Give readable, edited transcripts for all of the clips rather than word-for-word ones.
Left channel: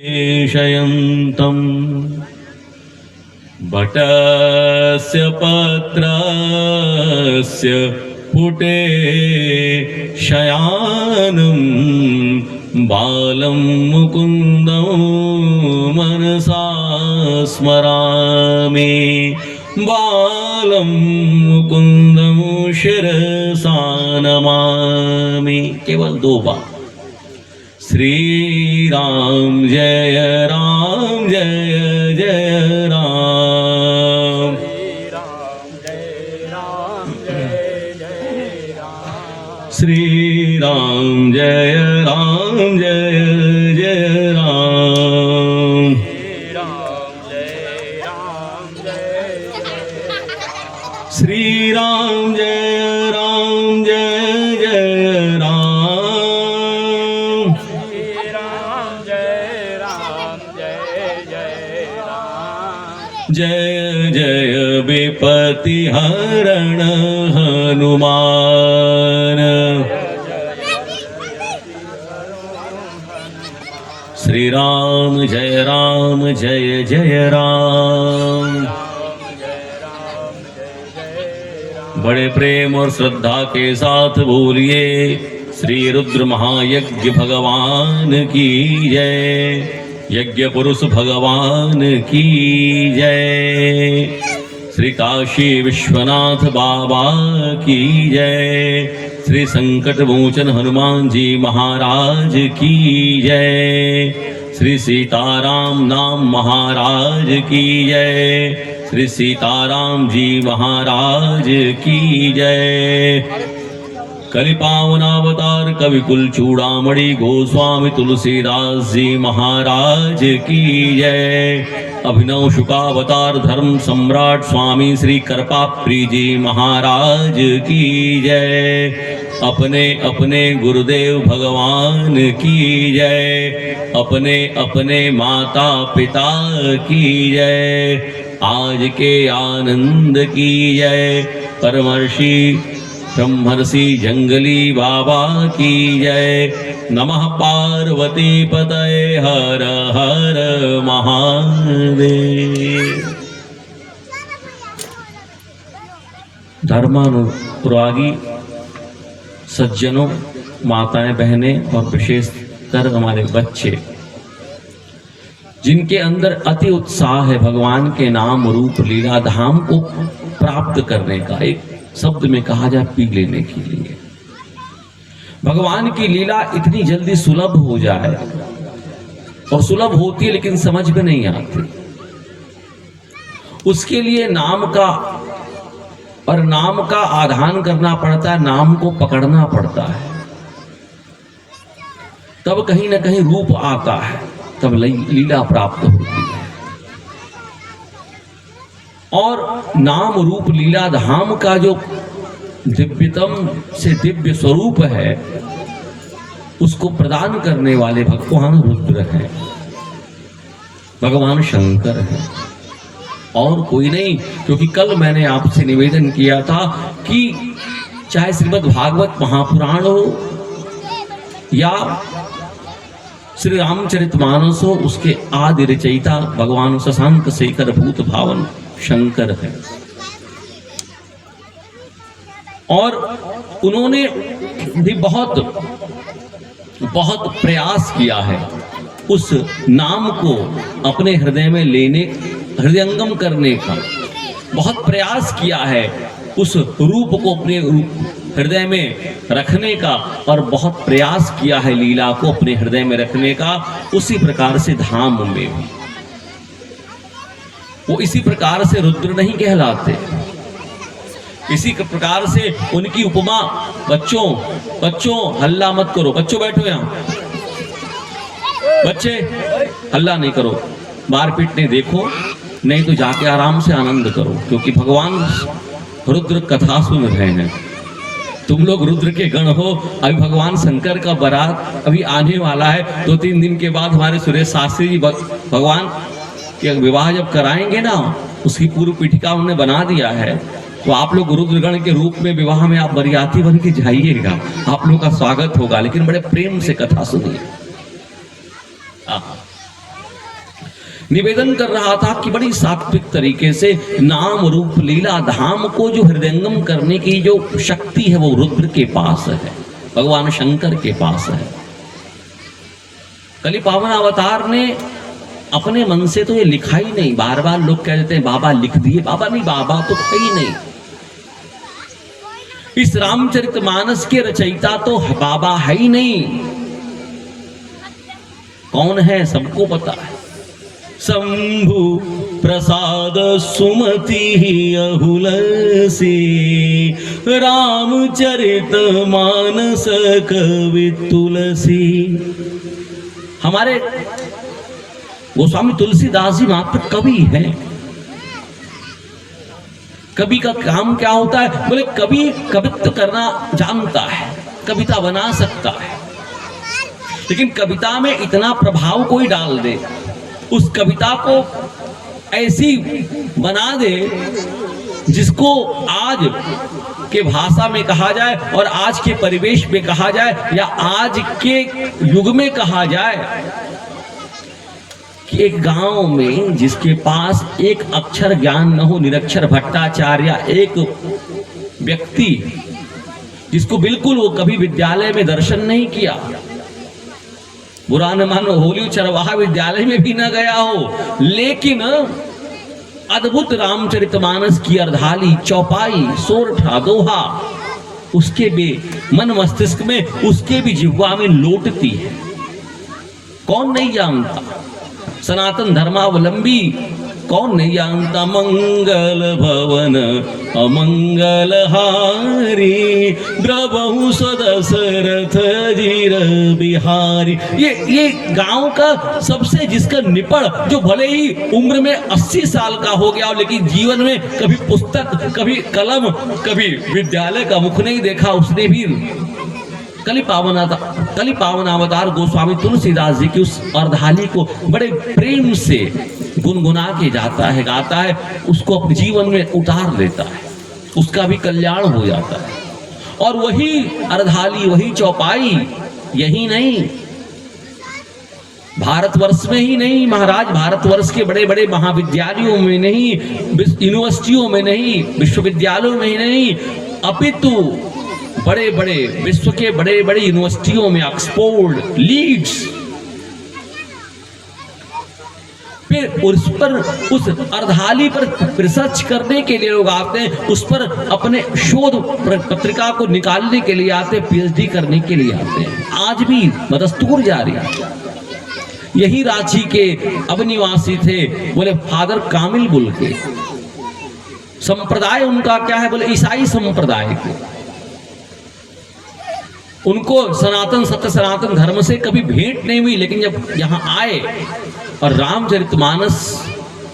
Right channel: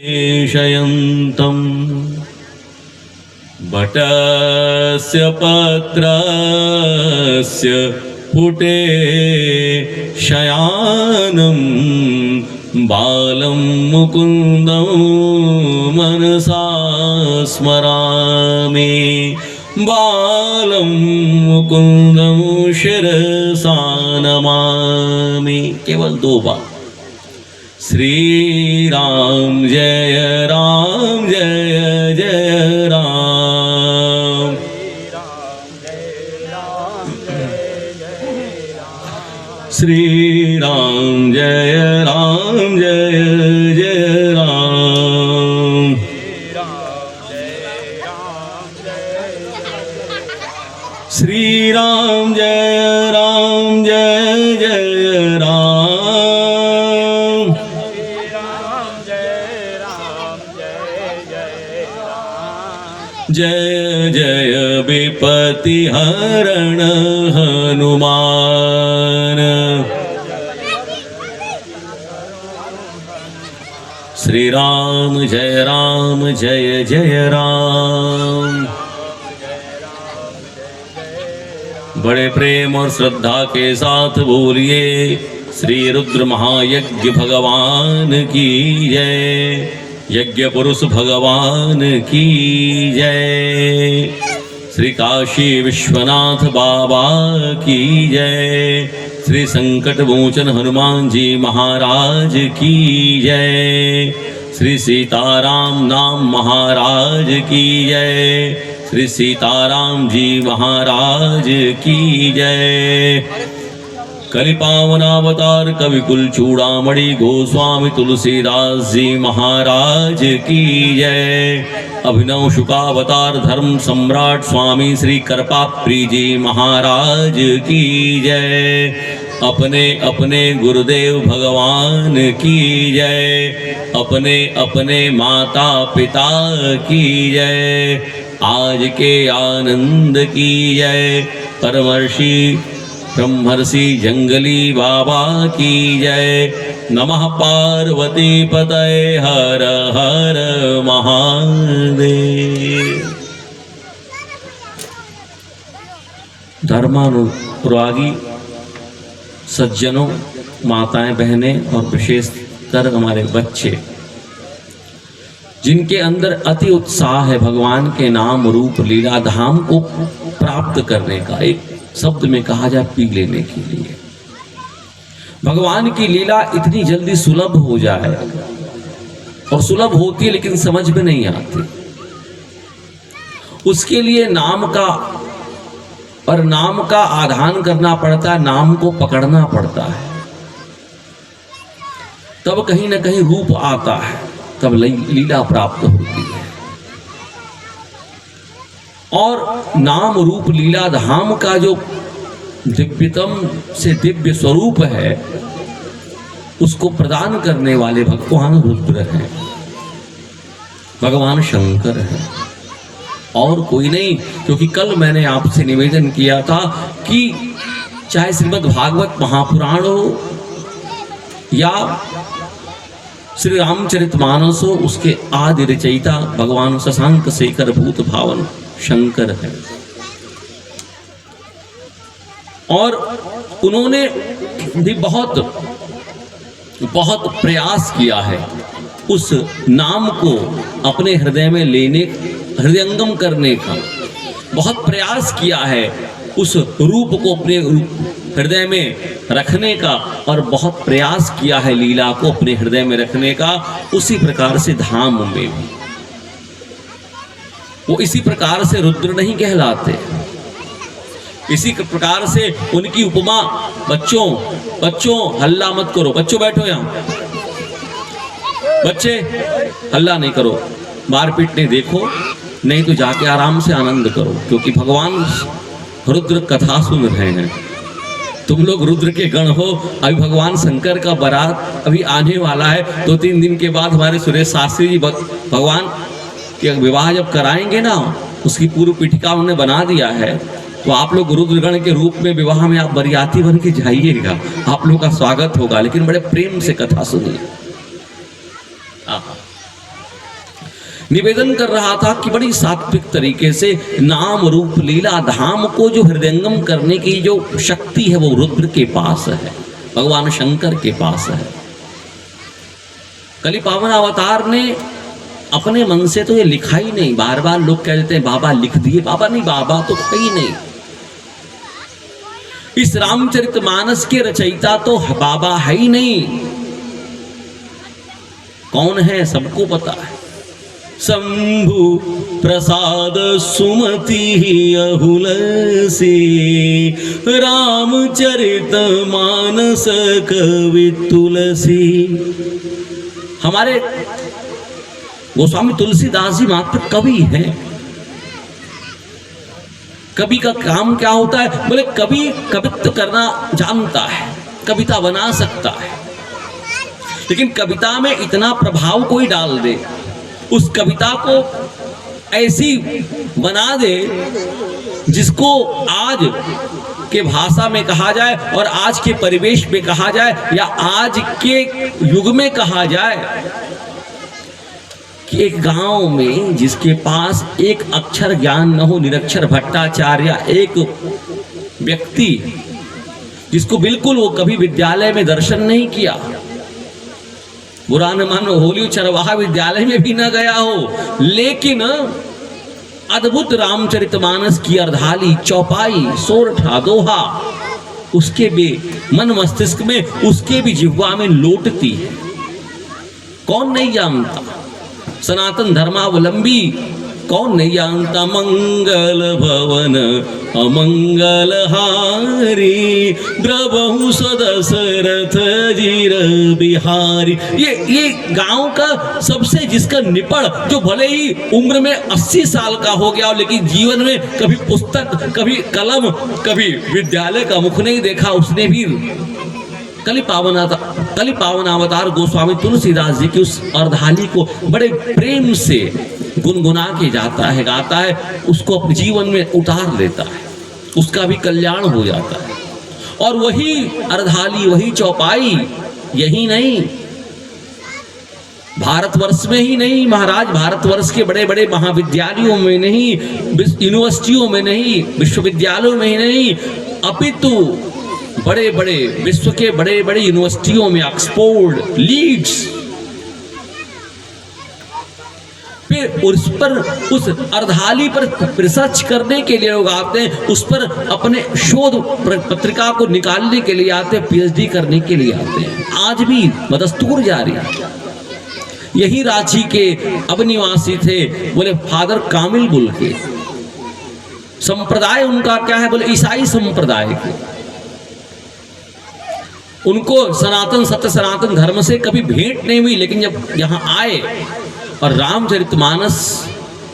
शयन्तं बटस्य पत्रस्य पुटे शयानं बालं मुकुन्दं मनसा स्मरामि बालं मुकुन्दं शिरसा नमामि। केवल 2 बार। श्री राम जय जय राम। श्री राम जय जय राम। श्री राम जय जय राम। जय जय विपति हरण हनुमान। श्री राम जय जय राम। बड़े प्रेम और श्रद्धा के साथ बोलिए श्री रुद्र महायज्ञ भगवान की जय। यज्ञ पुरुष भगवान की जय। श्री काशी विश्वनाथ बाबा की जय। श्री संकट मोचन हनुमान जी महाराज की जय। श्री सीताराम नाम महाराज की जय। श्री सीताराम जी महाराज की जय। कलि पावनावतार कवि कुल चूड़ामणि गोस्वामी तुलसीदास जी महाराज की जय। अभिनव शुकावतार धर्म सम्राट स्वामी श्री कृपाप्री जी महाराज की जय। अपने अपने गुरुदेव भगवान की जय। अपने अपने माता पिता की जय। आज के आनंद की जय। परमर्षि ब्रह्मर्षि जंगली बाबा की जय। नमः पार्वती पतये हर हर महादेव। धर्मानुरागी सज्जनों, माताएं बहनें और विशेषकर हमारे बच्चे जिनके अंदर अति उत्साह है भगवान के नाम रूप लीला धाम को प्राप्त करने का, एक शब्द में कहा जाए पी लेने के लिए, भगवान की लीला इतनी जल्दी सुलभ हो जाए, और सुलभ होती है लेकिन समझ में नहीं आती, उसके लिए नाम का और नाम का आधान करना पड़ता है, नाम को पकड़ना पड़ता है, तब कहीं ना कहीं रूप आता है, तब लीला प्राप्त होती है। और नाम रूप लीला धाम का जो दिव्यतम से दिव्य स्वरूप है, उसको प्रदान करने वाले भगवान रुद्र हैं, भगवान शंकर हैं, और कोई नहीं। क्योंकि कल मैंने आपसे निवेदन किया था कि चाहे श्रीमद् भागवत महापुराण हो या श्री रामचरितमानस हो, उसके आदि रचयिता भगवान शशांक शेखर भूत भावन शंकर है, और उन्होंने भी बहुत प्रयास किया है उस नाम को अपने हृदय में लेने, हृदयंगम करने का बहुत प्रयास किया है, उस रूप को अपने हृदय में रखने का, और बहुत प्रयास किया है लीला को अपने हृदय में रखने का। उसी प्रकार से धाम में भी वो इसी प्रकार से रुद्र नहीं कहलाते, इसी प्रकार से उनकी उपमा। बच्चों हल्ला मत करो, बच्चों बैठो यहाँ, बच्चे हल्ला नहीं करो, मारपीट नहीं, देखो नहीं तो जाके आराम से आनंद करो, क्योंकि भगवान रुद्र कथा सुन रहे हैं। तुम लोग रुद्र के गण हो। अभी भगवान शंकर का बारात अभी आने वाला है, 2-3 दिन के बाद हमारे सुरेश शास्त्री जी भगवान के विवाह जब कराएंगे ना, उसकी पूर्व पीठिका उन्होंने बना दिया है। तो आप लोग रुद्रगण के रूप में विवाह में आप बरियाती बन के जाइएगा, आप लोगों का स्वागत होगा, लेकिन बड़े प्रेम से कथा सुनिए। निवेदन कर रहा था कि बड़ी सात्विक तरीके से नाम रूप लीला धाम को जो हृदयंगम करने की जो शक्ति है वो रुद्र के पास है, भगवान शंकर के पास है। कली पावन अवतार ने अपने मन से तो ये लिखा ही नहीं। बार बार लोग कह देते हैं बाबा लिख दिए, बाबा नहीं, बाबा तो कहीं नहीं। इस रामचरितमानस के रचयिता तो बाबा है ही नहीं। कौन है सबको पता है। शंभु प्रसाद सुमति अहुलसी रामचरित मानस कवि तुलसी। हमारे गोस्वामी तुलसीदास जी मात्र कवि हैं। कवि का काम क्या होता है? बोले कवि कवित्व करना जानता है, कविता बना सकता है, लेकिन कविता में इतना प्रभाव कोई डाल दे, उस कविता को ऐसी बना दे जिसको आज के भाषा में कहा जाए और आज के परिवेश में कहा जाए या आज के युग में कहा जाए कि एक गांव में जिसके पास एक अक्षर ज्ञान न हो, निरक्षर भट्टाचार्य एक व्यक्ति जिसको बिल्कुल वो कभी विद्यालय में दर्शन नहीं किया, बुरा न मानो होली चरवाहा विद्यालय में भी न गया हो, लेकिन अद्भुत रामचरितमानस की अर्धाली चौपाई सोरठा दोहा उसके भी मन मस्तिष्क में, उसके भी जिह्वा में लौटती है। कौन नहीं जानता? सनातन धर्मावलंबी कौन नहीं जानता? मंगल भवन अमंगल हारी द्रवहु सदशरथ जीर बिहारी। ये गांव का सबसे जिसका निपड़, जो भले ही उम्र में 80 साल का हो गया हो, लेकिन जीवन में कभी पुस्तक, कभी कलम, कभी विद्यालय का मुख नहीं देखा, उसने भी कली पावन अवतार गोस्वामी तुलसीदास जी की उस अर्धाली को बड़े प्रेम से गुनगुना के जाता है, गाता है, उसको अपने जीवन में उतार लेता है, उसका भी कल्याण हो जाता है। और वही अर्धाली, वही चौपाई, यही नहीं, भारतवर्ष में ही नहीं महाराज, भारतवर्ष के बड़े बड़े महाविद्यालयों में नहीं, यूनिवर्सिटियों में नहीं, विश्वविद्यालयों में ही नहीं, अपितु बड़े बड़े विश्व के बड़े बड़े यूनिवर्सिटियों में, ऑक्सफोर्ड, लीड्स, फिर उस पर, उस अर्धाली पर रिसर्च करने के लिए लोग आते हैं, उस पर अपने शोध पत्रिका को निकालने के लिए आते हैं, पीएचडी करने के लिए आते हैं। आज भी बदस्तूर जारी है। यही रांची के अब निवासी थे, बोले फादर कामिल बुल के। संप्रदाय उनका क्या है? बोले ईसाई संप्रदाय के। उनको सनातन सत्य सनातन धर्म से कभी भेंट नहीं हुई, लेकिन जब यहाँ आए और रामचरितमानस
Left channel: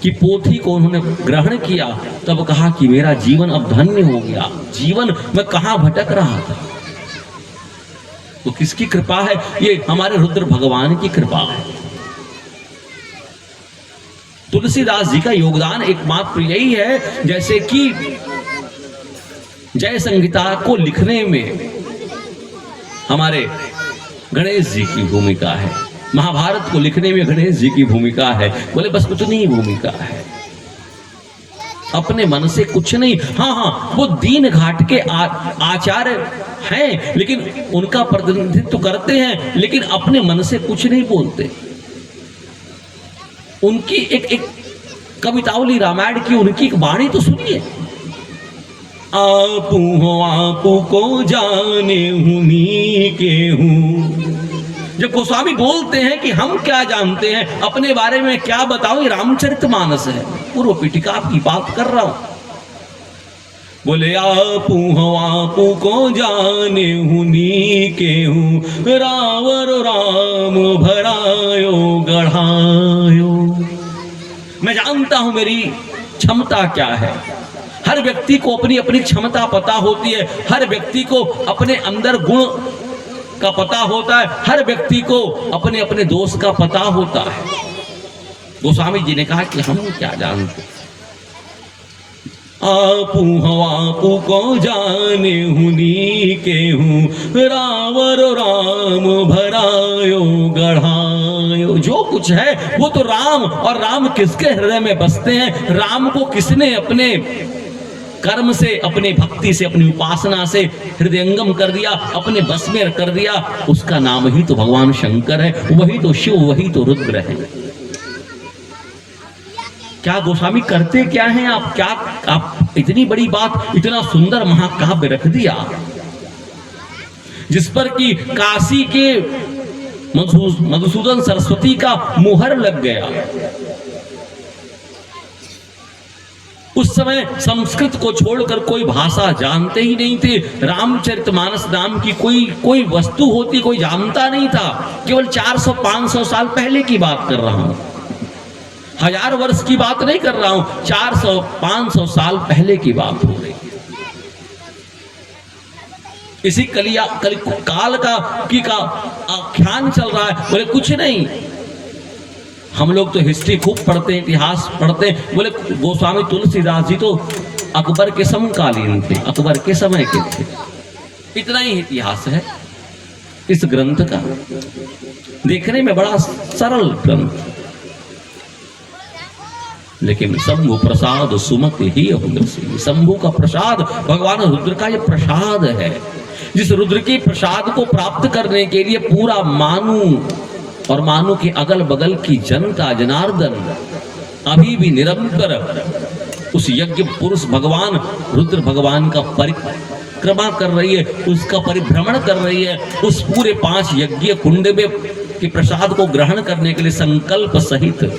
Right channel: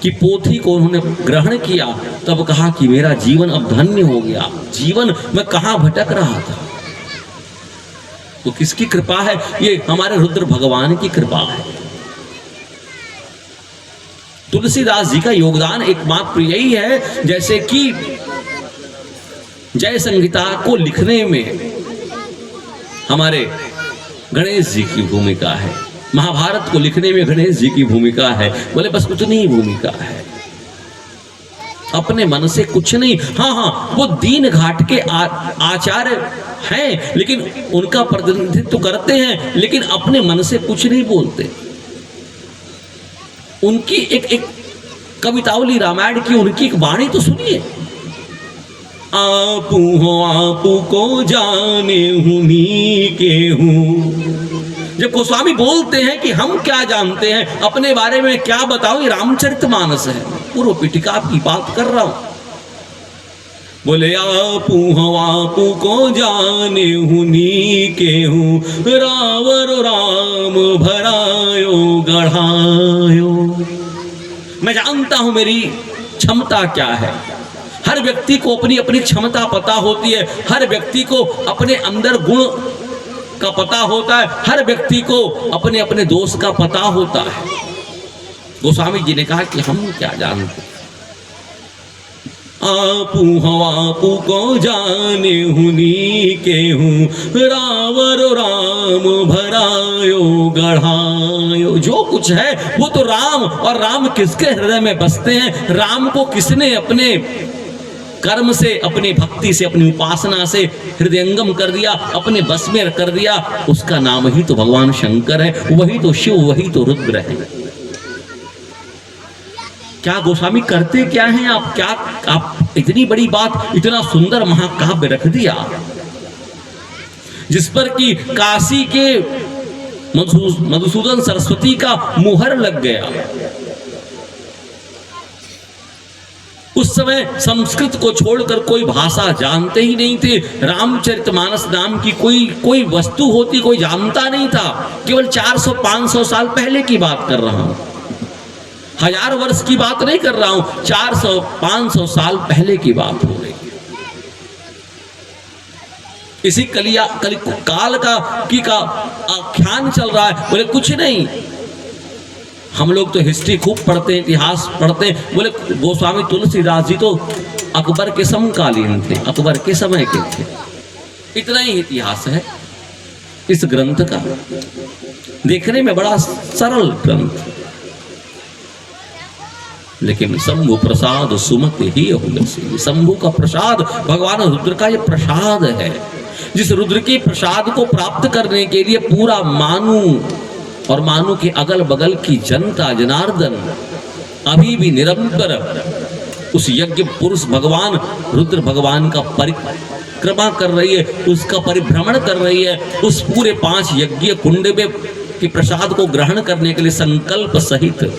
की पोथी को उन्होंने ग्रहण किया, तब कहा कि मेरा जीवन अब धन्य हो गया। जीवन में कहां भटक रहा था, तो किसकी कृपा है? ये हमारे रुद्र भगवान की कृपा है। तुलसीदास जी का योगदान एकमात्र यही है, जैसे कि जय संहिता को लिखने में हमारे गणेश जी की भूमिका है, महाभारत को लिखने में गणेश जी की भूमिका है। बोले बस उतनी ही भूमिका है, अपने मन से कुछ नहीं। हाँ, वो दीन घाट के आचार्य हैं, लेकिन उनका प्रतिनिधित्व करते हैं, लेकिन अपने मन से कुछ नहीं बोलते। उनकी एक कवितावली रामायण की, उनकी एक वाणी तो सुनिए। आपू हो आपू को जाने हुनी के हूँ। जब गोस्वामी बोलते हैं कि हम क्या जानते हैं, अपने बारे में क्या बताऊं, ये रामचरितमानस है, पूर्व पीठिका की बात कर रहा हूं। बोले आपू हो आपू को जाने हुनी के हूँ, रावर राम भरायो गढ़ायो। मैं जानता हूं मेरी क्षमता क्या है। हर व्यक्ति को अपनी अपनी क्षमता पता होती है, हर व्यक्ति को अपने अंदर गुण का पता होता है, हर व्यक्ति को अपने अपने दोष का पता होता है। गोस्वामी जी ने कहा कि हम क्या जानते, आपू हो आपू को जाने हुनी के हूँ, रावर राम भरायो गढ़ायो। जो कुछ है वो तो राम, और राम किसके हृदय में बसते हैं, राम को किसने अपने कर्म से, अपने भक्ति से, अपनी उपासना से हृदयंगम कर दिया, अपने बस में कर दिया, उसका नाम ही तो भगवान शंकर है, वही तो शिव, वही तो रुद्र है। क्या गोस्वामी करते क्या हैं आप, क्या आप इतनी बड़ी बात, इतना सुंदर महाकाव्य रख दिया जिस पर कि काशी के मधुसूदन सरस्वती का मुहर लग गया। उस समय संस्कृत को छोड़कर कोई भाषा जानते ही नहीं थे, रामचरितमानस नाम की कोई वस्तु होती कोई जानता नहीं था। केवल 400-500 साल पहले की बात कर रहा हूं, 1000 वर्ष की बात नहीं कर रहा हूं, 400-500 साल पहले की बात हो रही है। इसी काल का आख्यान चल रहा है। बोले कुछ नहीं, हम लोग तो हिस्ट्री खूब पढ़ते हैं, इतिहास पढ़ते हैं। बोले गोस्वामी तुलसीदास जी तो अकबर के समकालीन थे, अकबर के समय के थे। इतना ही इतिहास है इस ग्रंथ का। देखने में बड़ा सरल ग्रंथ, लेकिन शंभु प्रसाद सुमति ही अभिलषी। शंभु का प्रसाद, भगवान रुद्र का ये प्रसाद है। जिस रुद्र की प्रसाद को प्राप्त करने के लिए पूरा मानू और मानू के अगल बगल की जनता जनार्दन अभी भी निरंतर उस यज्ञ पुरुष भगवान रुद्र भगवान का परिक्रमा कर रही है, उसका परिभ्रमण कर रही है, उस पूरे 5 यज्ञ कुंड में के प्रसाद को ग्रहण करने के लिए संकल्प सहित।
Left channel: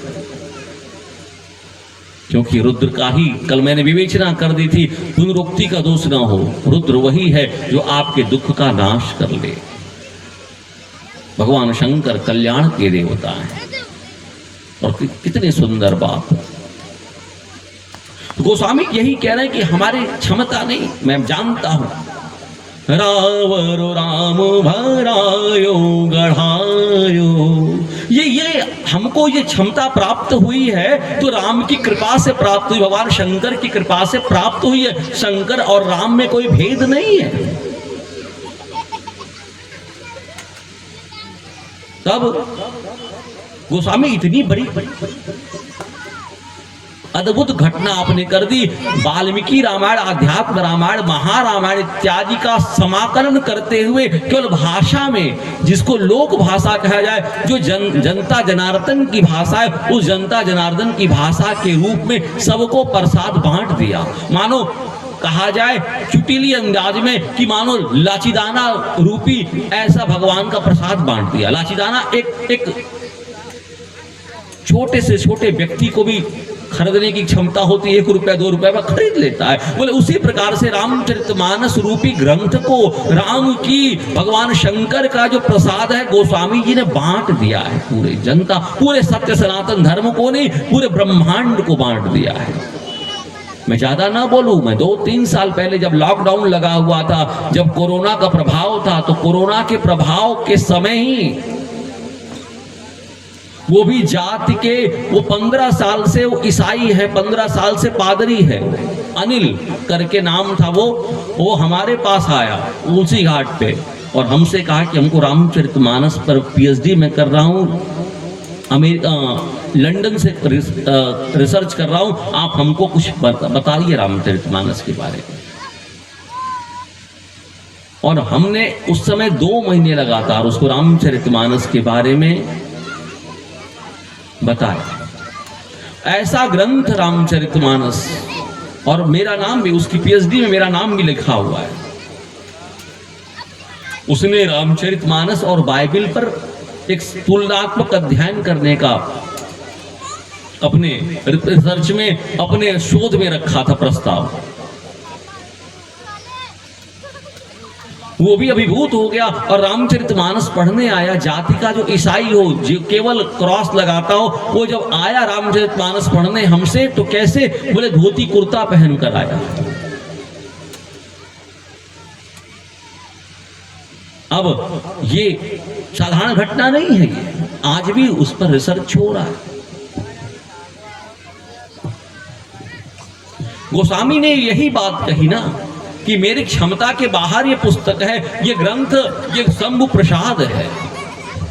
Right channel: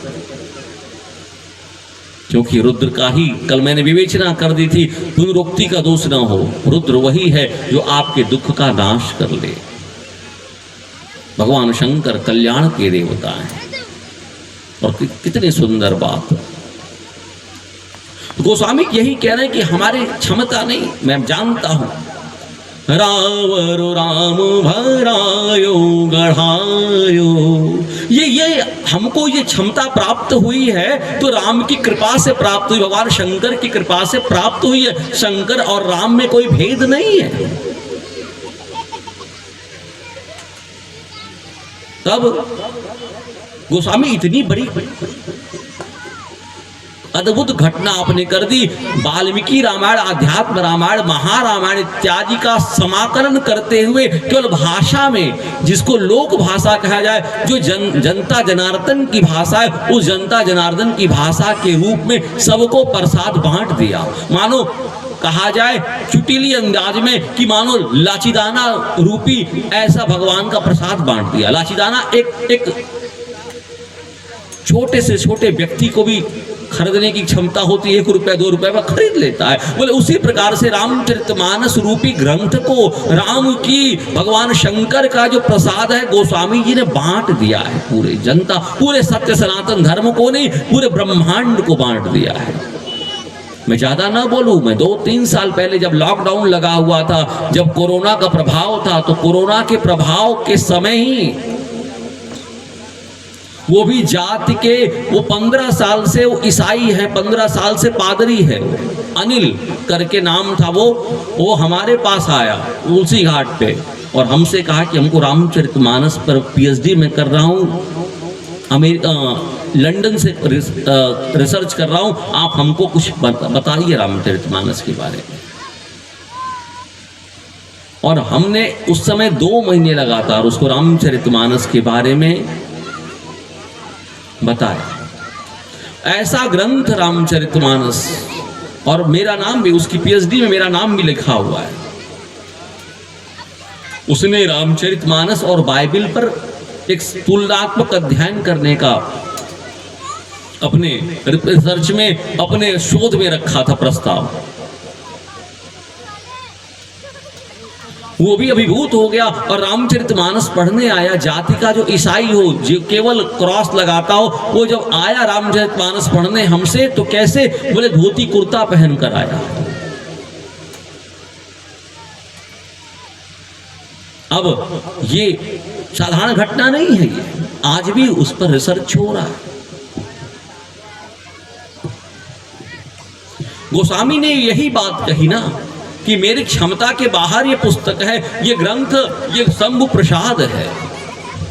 क्योंकि रुद्र का ही, कल मैंने विवेचना कर दी थी, पुनरुक्ति का दोष न हो। रुद्र वही है जो आपके दुख का नाश कर ले। भगवान शंकर कल्याण के देवता है। और कितनी सुंदर बात। गोस्वामी यही कह रहे हैं कि हमारी क्षमता नहीं, मैं जानता हूं। रावण राम भरायो गढ़ायो, ये हमको ये क्षमता प्राप्त हुई है तो राम की कृपा से प्राप्त हुई, भगवान शंकर की कृपा से प्राप्त हुई है। शंकर और राम में कोई भेद नहीं है। तब गोस्वामी इतनी बड़ी अद्भुत घटना आपने कर दी। वाल्मीकि रामायण, अध्यात्म रामायण, महारामायण इत्यादि का समाकलन करते हुए केवल भाषा में, जिसको लोक भाषा कहा जाए, जो जनता जनार्दन की भाषा है, उस जनता जनार्दन की भाषा के रूप में सबको प्रसाद बांट दिया। मानो कहा जाए चुटीली अंदाज में कि मानो लाचीदाना रूपी ऐसा भगवान का प्रसाद बांट दिया। लाचीदाना एक छोटे से छोटे व्यक्ति को भी खरीदने की क्षमता होती है, 1 रुपया 2 रुपया में खरीद लेता है। बोले उसी प्रकार से रामचरितमानस रूपी ग्रंथ को, राम की, भगवान शंकर का जो प्रसाद है, गोस्वामी जी ने बांट दिया है। पूरे जनता, पूरे सत्य सनातन धर्म को नहीं, पूरे ब्रह्मांड को बांट दिया है। मैं ज्यादा ना बोलूं, मैं 2-3 साल पहले जब लॉकडाउन लगा हुआ था, जब कोरोना का प्रभाव था, तो कोरोना के प्रभाव के समय ही वो भी जाति के, वो 15 साल से वो ईसाई है, 15 साल से पादरी है, अनिल करके नाम था, वो हमारे पास आया तुलसी घाट पे और हमसे कहा कि हमको रामचरितमानस पर पीएचडी में कर रहा हूँ, अमेरिका लंदन से रिसर्च कर रहा हूँ, आप हमको कुछ बताइए रामचरितमानस के बारे में। और हमने उस समय 2 महीने लगातार उसको रामचरितमानस के बारे में बताया। ऐसा ग्रंथ रामचरितमानस, और मेरा नाम भी, उसकी पीएचडी में मेरा नाम भी लिखा हुआ है। उसने रामचरितमानस और बाइबल पर एक तुलनात्मक अध्ययन करने का अपने रिसर्च में, अपने शोध में रखा था प्रस्ताव। वो भी अभिभूत हो गया और रामचरितमानस पढ़ने आया। जाति का जो ईसाई हो, जो केवल क्रॉस लगाता हो, वो जब आया रामचरितमानस पढ़ने हमसे, तो कैसे, बोले धोती कुर्ता पहन कर आया। अब ये साधारण घटना नहीं है, ये आज भी उस पर रिसर्च हो रहा है। गोस्वामी ने यही बात कही ना कि मेरी क्षमता के बाहर ये पुस्तक है, ये ग्रंथ, ये शंभु प्रसाद है,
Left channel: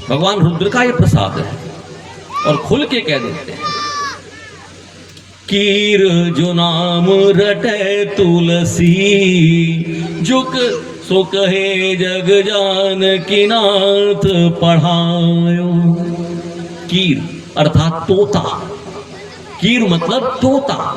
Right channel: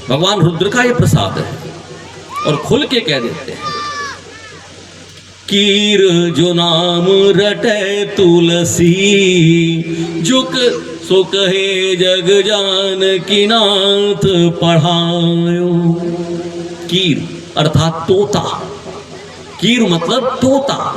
भगवान रुद्र का ये प्रसाद है। और खुल के कह देते हैं, कीर जो नाम रटे तुलसी, जुक सो कहे जग जान की नाथ पढ़ायो। कीर अर्थात तोता, कीर मतलब तोता।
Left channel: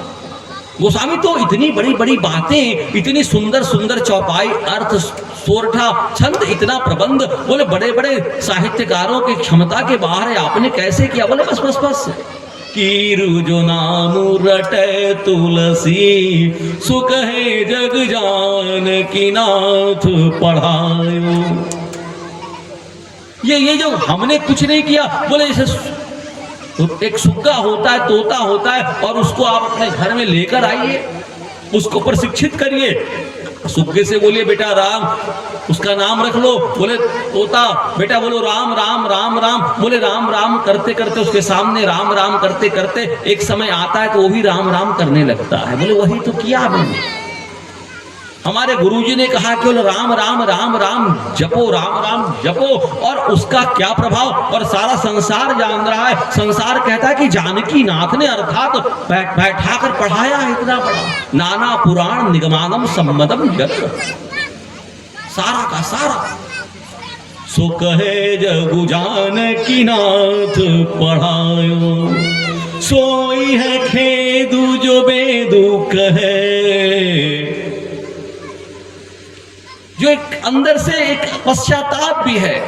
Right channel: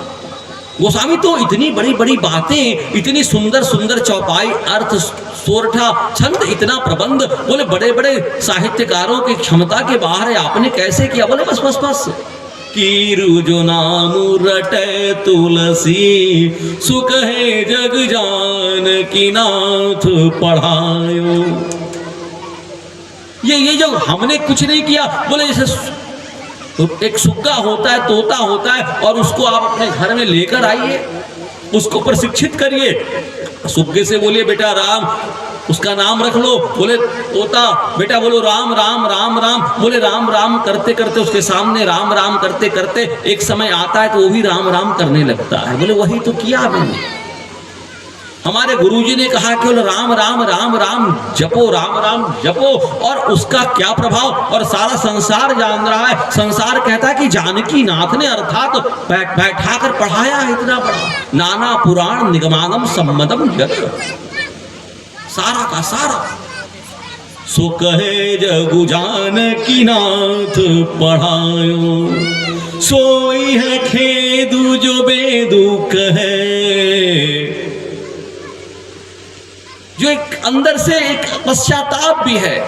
गोस्वामी तो इतनी बड़ी बड़ी बातें, इतनी सुंदर सुंदर चौपाई, अर्थ, सोरठा, छंद, इतना प्रबंध, बोले बड़े बड़े साहित्यकारों की क्षमता के बाहर है, आपने कैसे किया? बोले बस बस बस, कीरु जो नाम रटे तुलसी, सुख है जग जान की नाथ पढ़ायो। ये जो हमने कुछ नहीं किया, बोले जैसे एक सुग्गा होता है, तोता होता है, और उसको आप अपने घर में लेकर आइए, उसको प्रशिक्षित करिए। सुग्गे से बोलिए बेटा राम, उसका नाम रख लो। बोले तोता बेटा बोलो राम राम राम राम। बोले राम राम करते करते उसके सामने राम राम करते करते एक समय आता है तो वो भी राम राम करने लगता है। बोले वही तो किया मैंने। हमारे गुरुजी ने कहा कि राम राम राम राम जपो, राम राम जपो, और उसका क्या प्रभाव, और सारा संसार जान रहा है। संसार कहता है कि जानकी नाथ ने अर्थात बैठा कर पढ़ाया है इतना बड़ा, नाना पुराण निगमानम सम्मदम जग, सारा का सारा। सो कहे जगु जानकी नाथ पढ़ायो, सोई है खेदु जो बेदु कहे। जो एक अंदर से एक पश्चाताप भी है।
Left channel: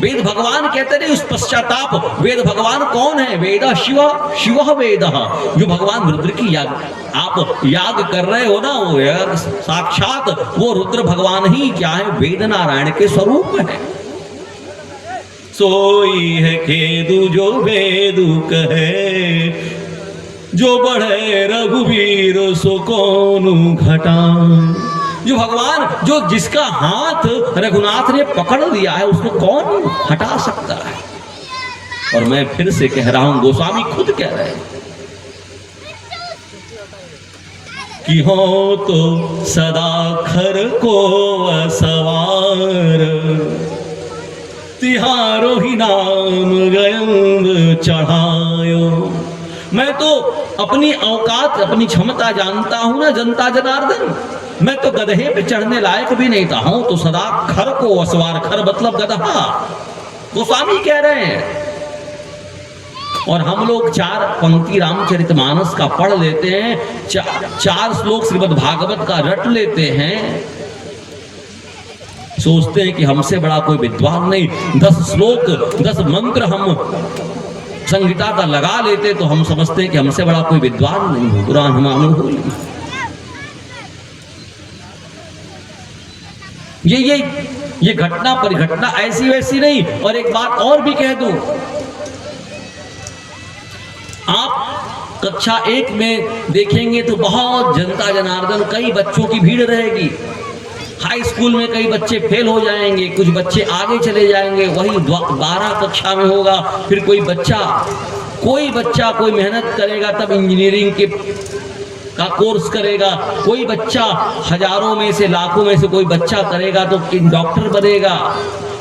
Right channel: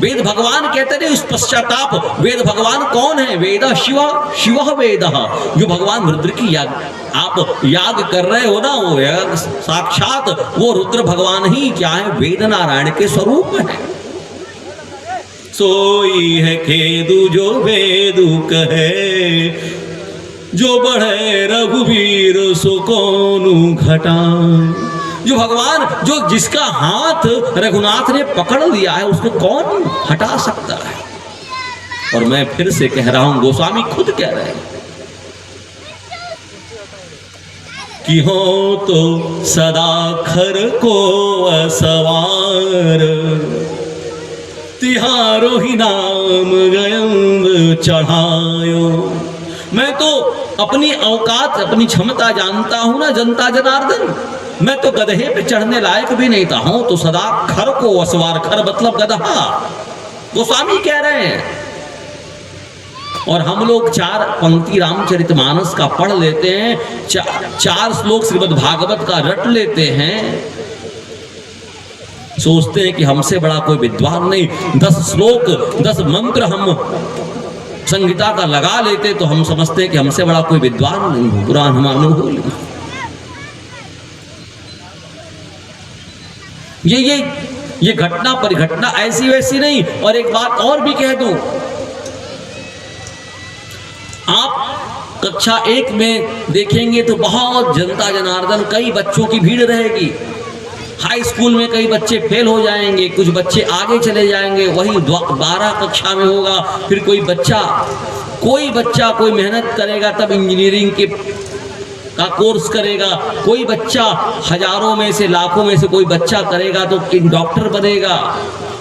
वेद भगवान कहते नहीं उस पश्चाताप। वेद भगवान कौन है? वेद शिव, शिव वेद। जो भगवान रुद्र की याग आप याग कर रहे हो ना, वो याग साक्षात वो रुद्र भगवान ही क्या है? वेद नारायण के स्वरूप है। सोई है खेदु जो वेदु कहे, जो बढ़े रघुवीर सो कोनु घटा। जो भगवान, जो जिसका हाथ रघुनाथ ने पकड़ लिया है, उसको कौन हटा सकता है? और मैं फिर से कह रहा हूं, गोस्वामी खुद कह रहे हैं कि हो तो सदा खर को असवार, तिहारो ही नाम गयंग चढ़ायो। मैं तो अपनी औकात, अपनी क्षमता जानता हूं ना जनता जनार्दन। मैं तो गधे पे चढ़ने लायक भी नहीं था, हूं तो सदा खर को असवार। खर मतलब गधा, गोस्वामी कह रहे हैं। और हम लोग 4 पंक्ति रामचरितमानस का पढ़ लेते हैं, 4 श्लोक श्रीमद् भागवत का रट लेते हैं, सोचते हैं कि हमसे बड़ा कोई विद्वान नहीं। 10 श्लोक 10 मंत्र हम संहिता का लगा लेते तो हम समझते हैं कि हमसे बड़ा कोई विद्वान नहीं, पुराण हम हो नहीं। ये घटना परिघटना ऐसी वैसी नहीं। और एक बात और भी कह दूं, आप कक्षा 1 में देखेंगे तो बहुत जनता जनार्दन, कई बच्चों की भीड़ रहेगी। हाई स्कूल में कई बच्चे फेल हो जाएंगे, कुछ बच्चे आगे चले जाएंगे, वही 12 कक्षा में होगा। फिर कोई बच्चा कोई मेहनत करेगा तब इंजीनियरिंग के का कोर्स करेगा। कोई बच्चा हजारों में से लाखों में से कोई बच्चा करेगा तो डॉक्टर बनेगा।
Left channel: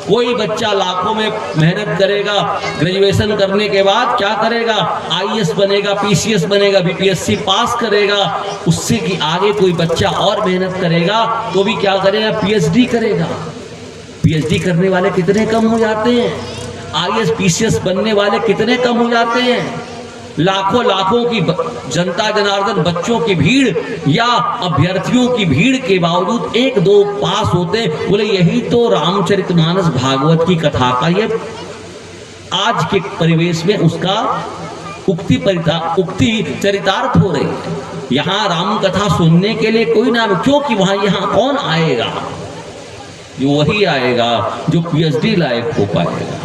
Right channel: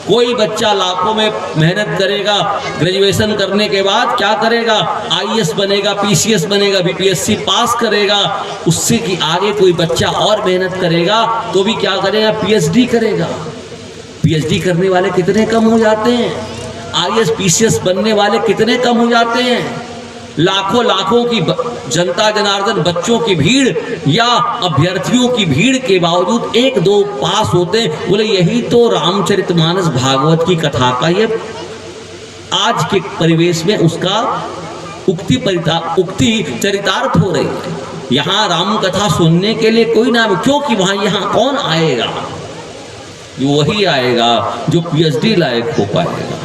कोई बच्चा लाखों में मेहनत करेगा, ग्रेजुएशन करने के बाद क्या करेगा? आईएएस बनेगा, पीसीएस बनेगा, बीपीएससी पास करेगा। उससे कि आगे कोई बच्चा और मेहनत करेगा तो भी क्या करेगा? पीएचडी करेगा। पीएचडी करने वाले कितने कम हो जाते हैं? आईएएस पीसीएस बनने वाले कितने कम हो जाते हैं? लाखों लाखों की जनता जनार्दन, बच्चों की भीड़ या अभ्यर्थियों की भीड़ के बावजूद 1-2 पास होते। बोले यही तो रामचरितमानस भागवत की कथा का ये आज के परिवेश में उसका उक्ति चरितार्थ हो रही है। यहाँ राम कथा सुनने के लिए कोई ना, क्योंकि वहां यहाँ कौन आएगा? जो वही आएगा जो पीएचडी लायक हो पाएगा,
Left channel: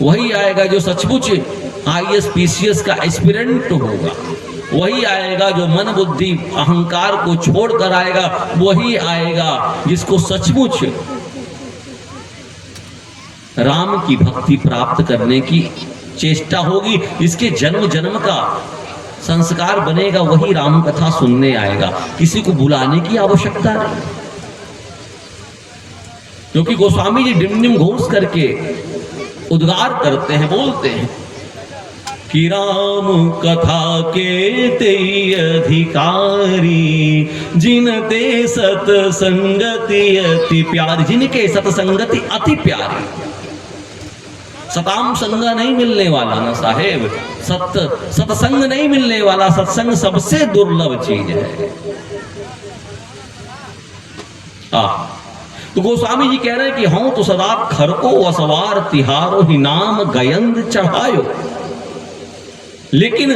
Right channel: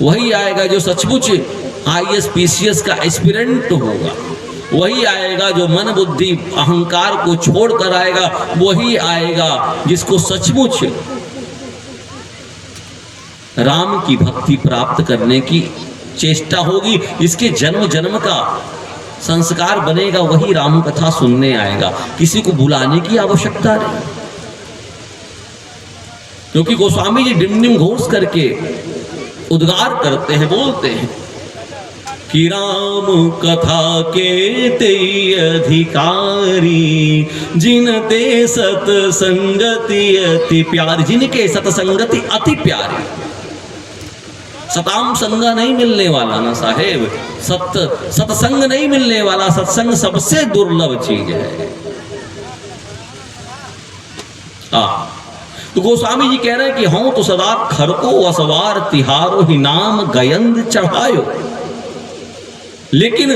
वही आएगा जो सचमुच आईएएस पीसीएस का एस्पिरेंट होगा, वही आएगा जो मन बुद्धि अहंकार को छोड़कर आएगा, वही आएगा जिसको सचमुच राम की भक्ति प्राप्त करने की चेष्टा होगी, जिसके जन्म जन्म का संस्कार बनेगा, वही राम कथा सुनने आएगा। किसी को बुलाने की आवश्यकता नहीं, क्योंकि गोस्वामी जी डिंडिम घोष करके उद्गार करते हैं, बोलते हैं कि राम कथा के ते अधिकारी, जिन ते सतसंगति अति प्यारी, जिनके सतसंगति अति प्यारी। सताम संग नहीं मिलने वाला ना साहेब, सत्संग नहीं मिलने वाला, सत्संग सबसे दुर्लभ चीज है। तो गोस्वामी जी कह रहे हैं कि हम तो सदा खरको असवार तिहारो ही नाम गयंद चढ़ायो। लेकिन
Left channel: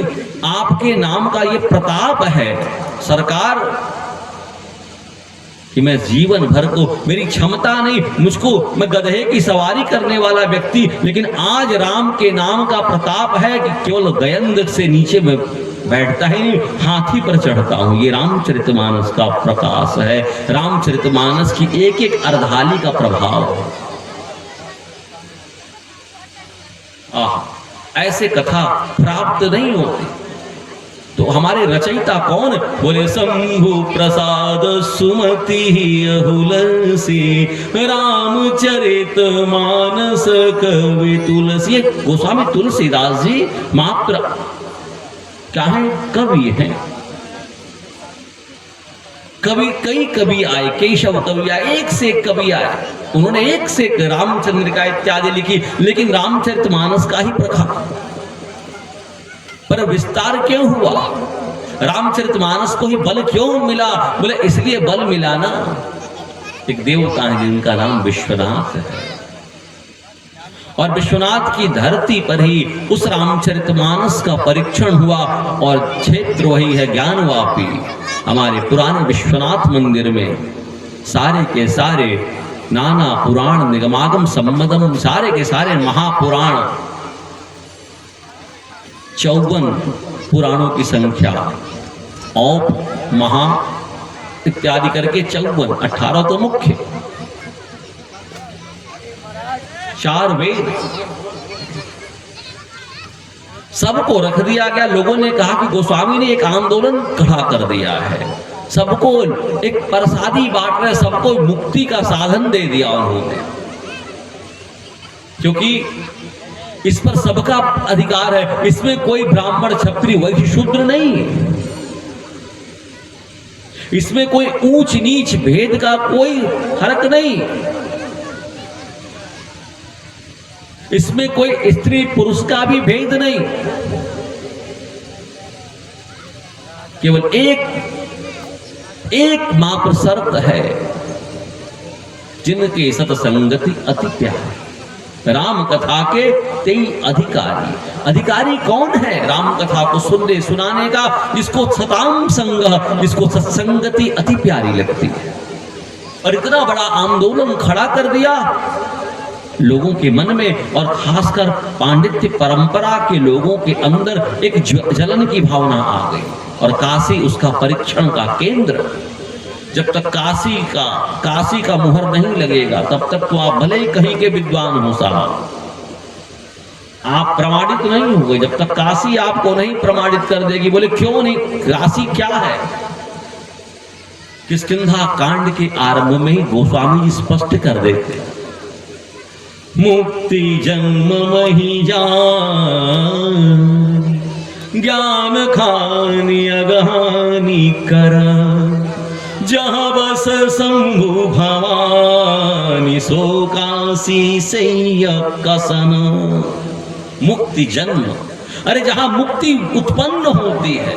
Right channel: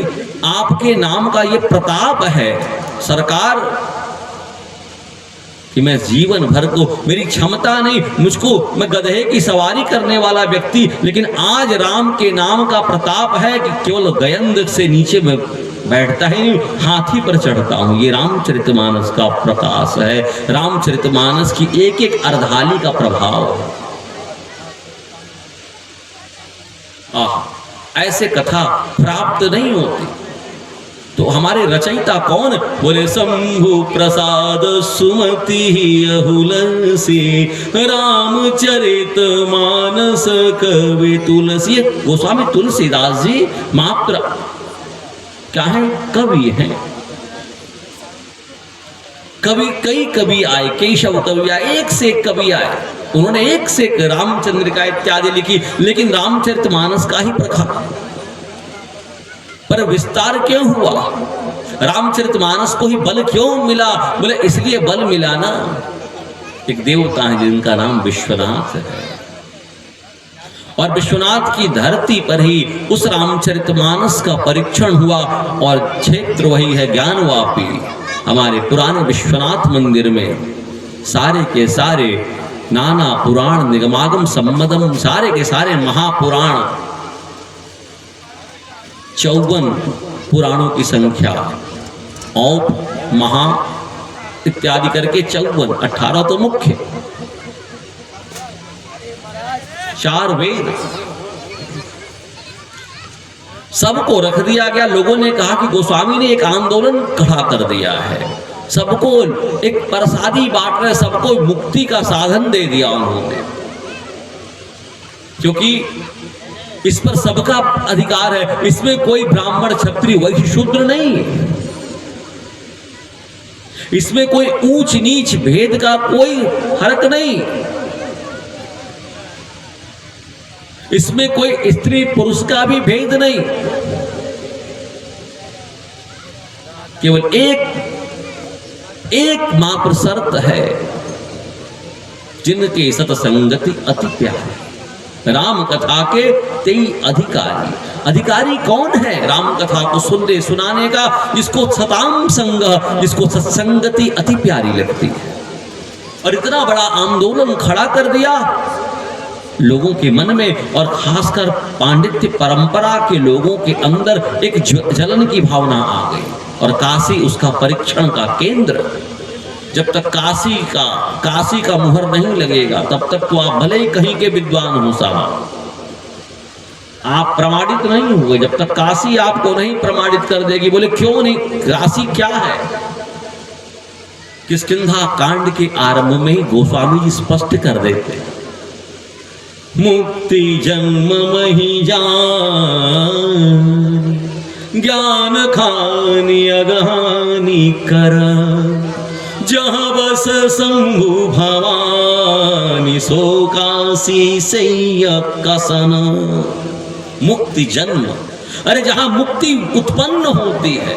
आपके नाम का ये प्रताप है सरकार कि मैं जीवन भर को, मेरी क्षमता नहीं, मुझको, मैं गधे की सवारी करने वाला व्यक्ति, लेकिन आज राम के नाम का प्रताप है कि केवल गयंद से नीचे में बैठता ही नहीं, हाथी पर चढ़ता हूं। ये रामचरितमानस का प्रकाश है, रामचरितमानस की एक एक अर्धाली का प्रभाव है। ऐसे कथा प्राप्त नहीं होती। तो हमारे रचयिता कौन? बोले शंभु प्रसाद सुमति अहुलसी, रामचरित मानस कवि तुलसी। गोस्वामी तुलसीदास जी मात्र क्या है? कवि है। कवि, कई कवि आए, केशव कवि आए, एक से एक कवि आए, उन्होंने एक से एक रामचंद्रिका इत्यादि लिखी, लेकिन रामचरितमानस का ही प्रभाव पर विस्तार क्यों हुआ? रामचरितमानस को ही बल क्यों मिला? बोले इसलिए बल मिला ना, एक देवता है जिनका नाम विश्वनाथ है, और विश्वनाथ की धरती पर ही उस रामचरितमानस का परीक्षण हुआ, और क्षेत्र वही है ज्ञानवापी। हमारे पुराने विश्वनाथ मंदिर में सारे के सारे नाना पुराण निगमागम सम्मदम, सारे के सारे महापुराण, 54 पुराणों की संख्या, औप महा इत्यादि करके 54, 18 तो मुख्य, 4 वेद, सबको रख दिया गया। लोगों ने कहा कि गोस्वामी ने एक आंदोलन खड़ा कर दिया है, सबको एक प्रसादी बांट रहे, सबको मुक्ति का साधन दे दिया उन्होंने, क्योंकि इस पर सबका अधिकार है, इसमें कोई ब्राह्मण क्षत्रिय वैश्य शूद्र नहीं है, इसमें कोई ऊंच नीच भेद का कोई फर्क नहीं, इसमें कोई स्त्री पुरुष का भी भेद नहीं, केवल एक मात्र शर्त है, जिनके सतसंगति अति प्यारे, राम कथा के तेई अधिकारी। अधिकारी कौन है राम कथा को सुनने सुनाने का? जिसको सताम संग, जिसको सत्संगति अति प्यारी लगती है। और इतना बड़ा आंदोलन खड़ा कर दिया लोगों के मन में, और खासकर पांडित्य परंपरा के लोगों के अंदर एक जलन की भावना आ गई, और काशी उसका परीक्षण का केंद्र। जब तक काशी का मुहर नहीं लगेगा, तब तक तो आप भले ही कहीं के विद्वान हो साहब, आप प्रमाणित नहीं हुए जब तक काशी आपको नहीं प्रमाणित कर देगी। बोले क्यों नहीं? काशी क्या है? किष्किंधा कांड के आरंभ में ही गोस्वामी जी स्पष्ट कर देते हैं, मुक्ति जन्म मही जान, ज्ञान खानी अगहानी करा, जहाँ बस शंभु भवानी सो काशी से कसन। मुक्ति जन्म, अरे जहाँ मुक्ति उत्पन्न होती है,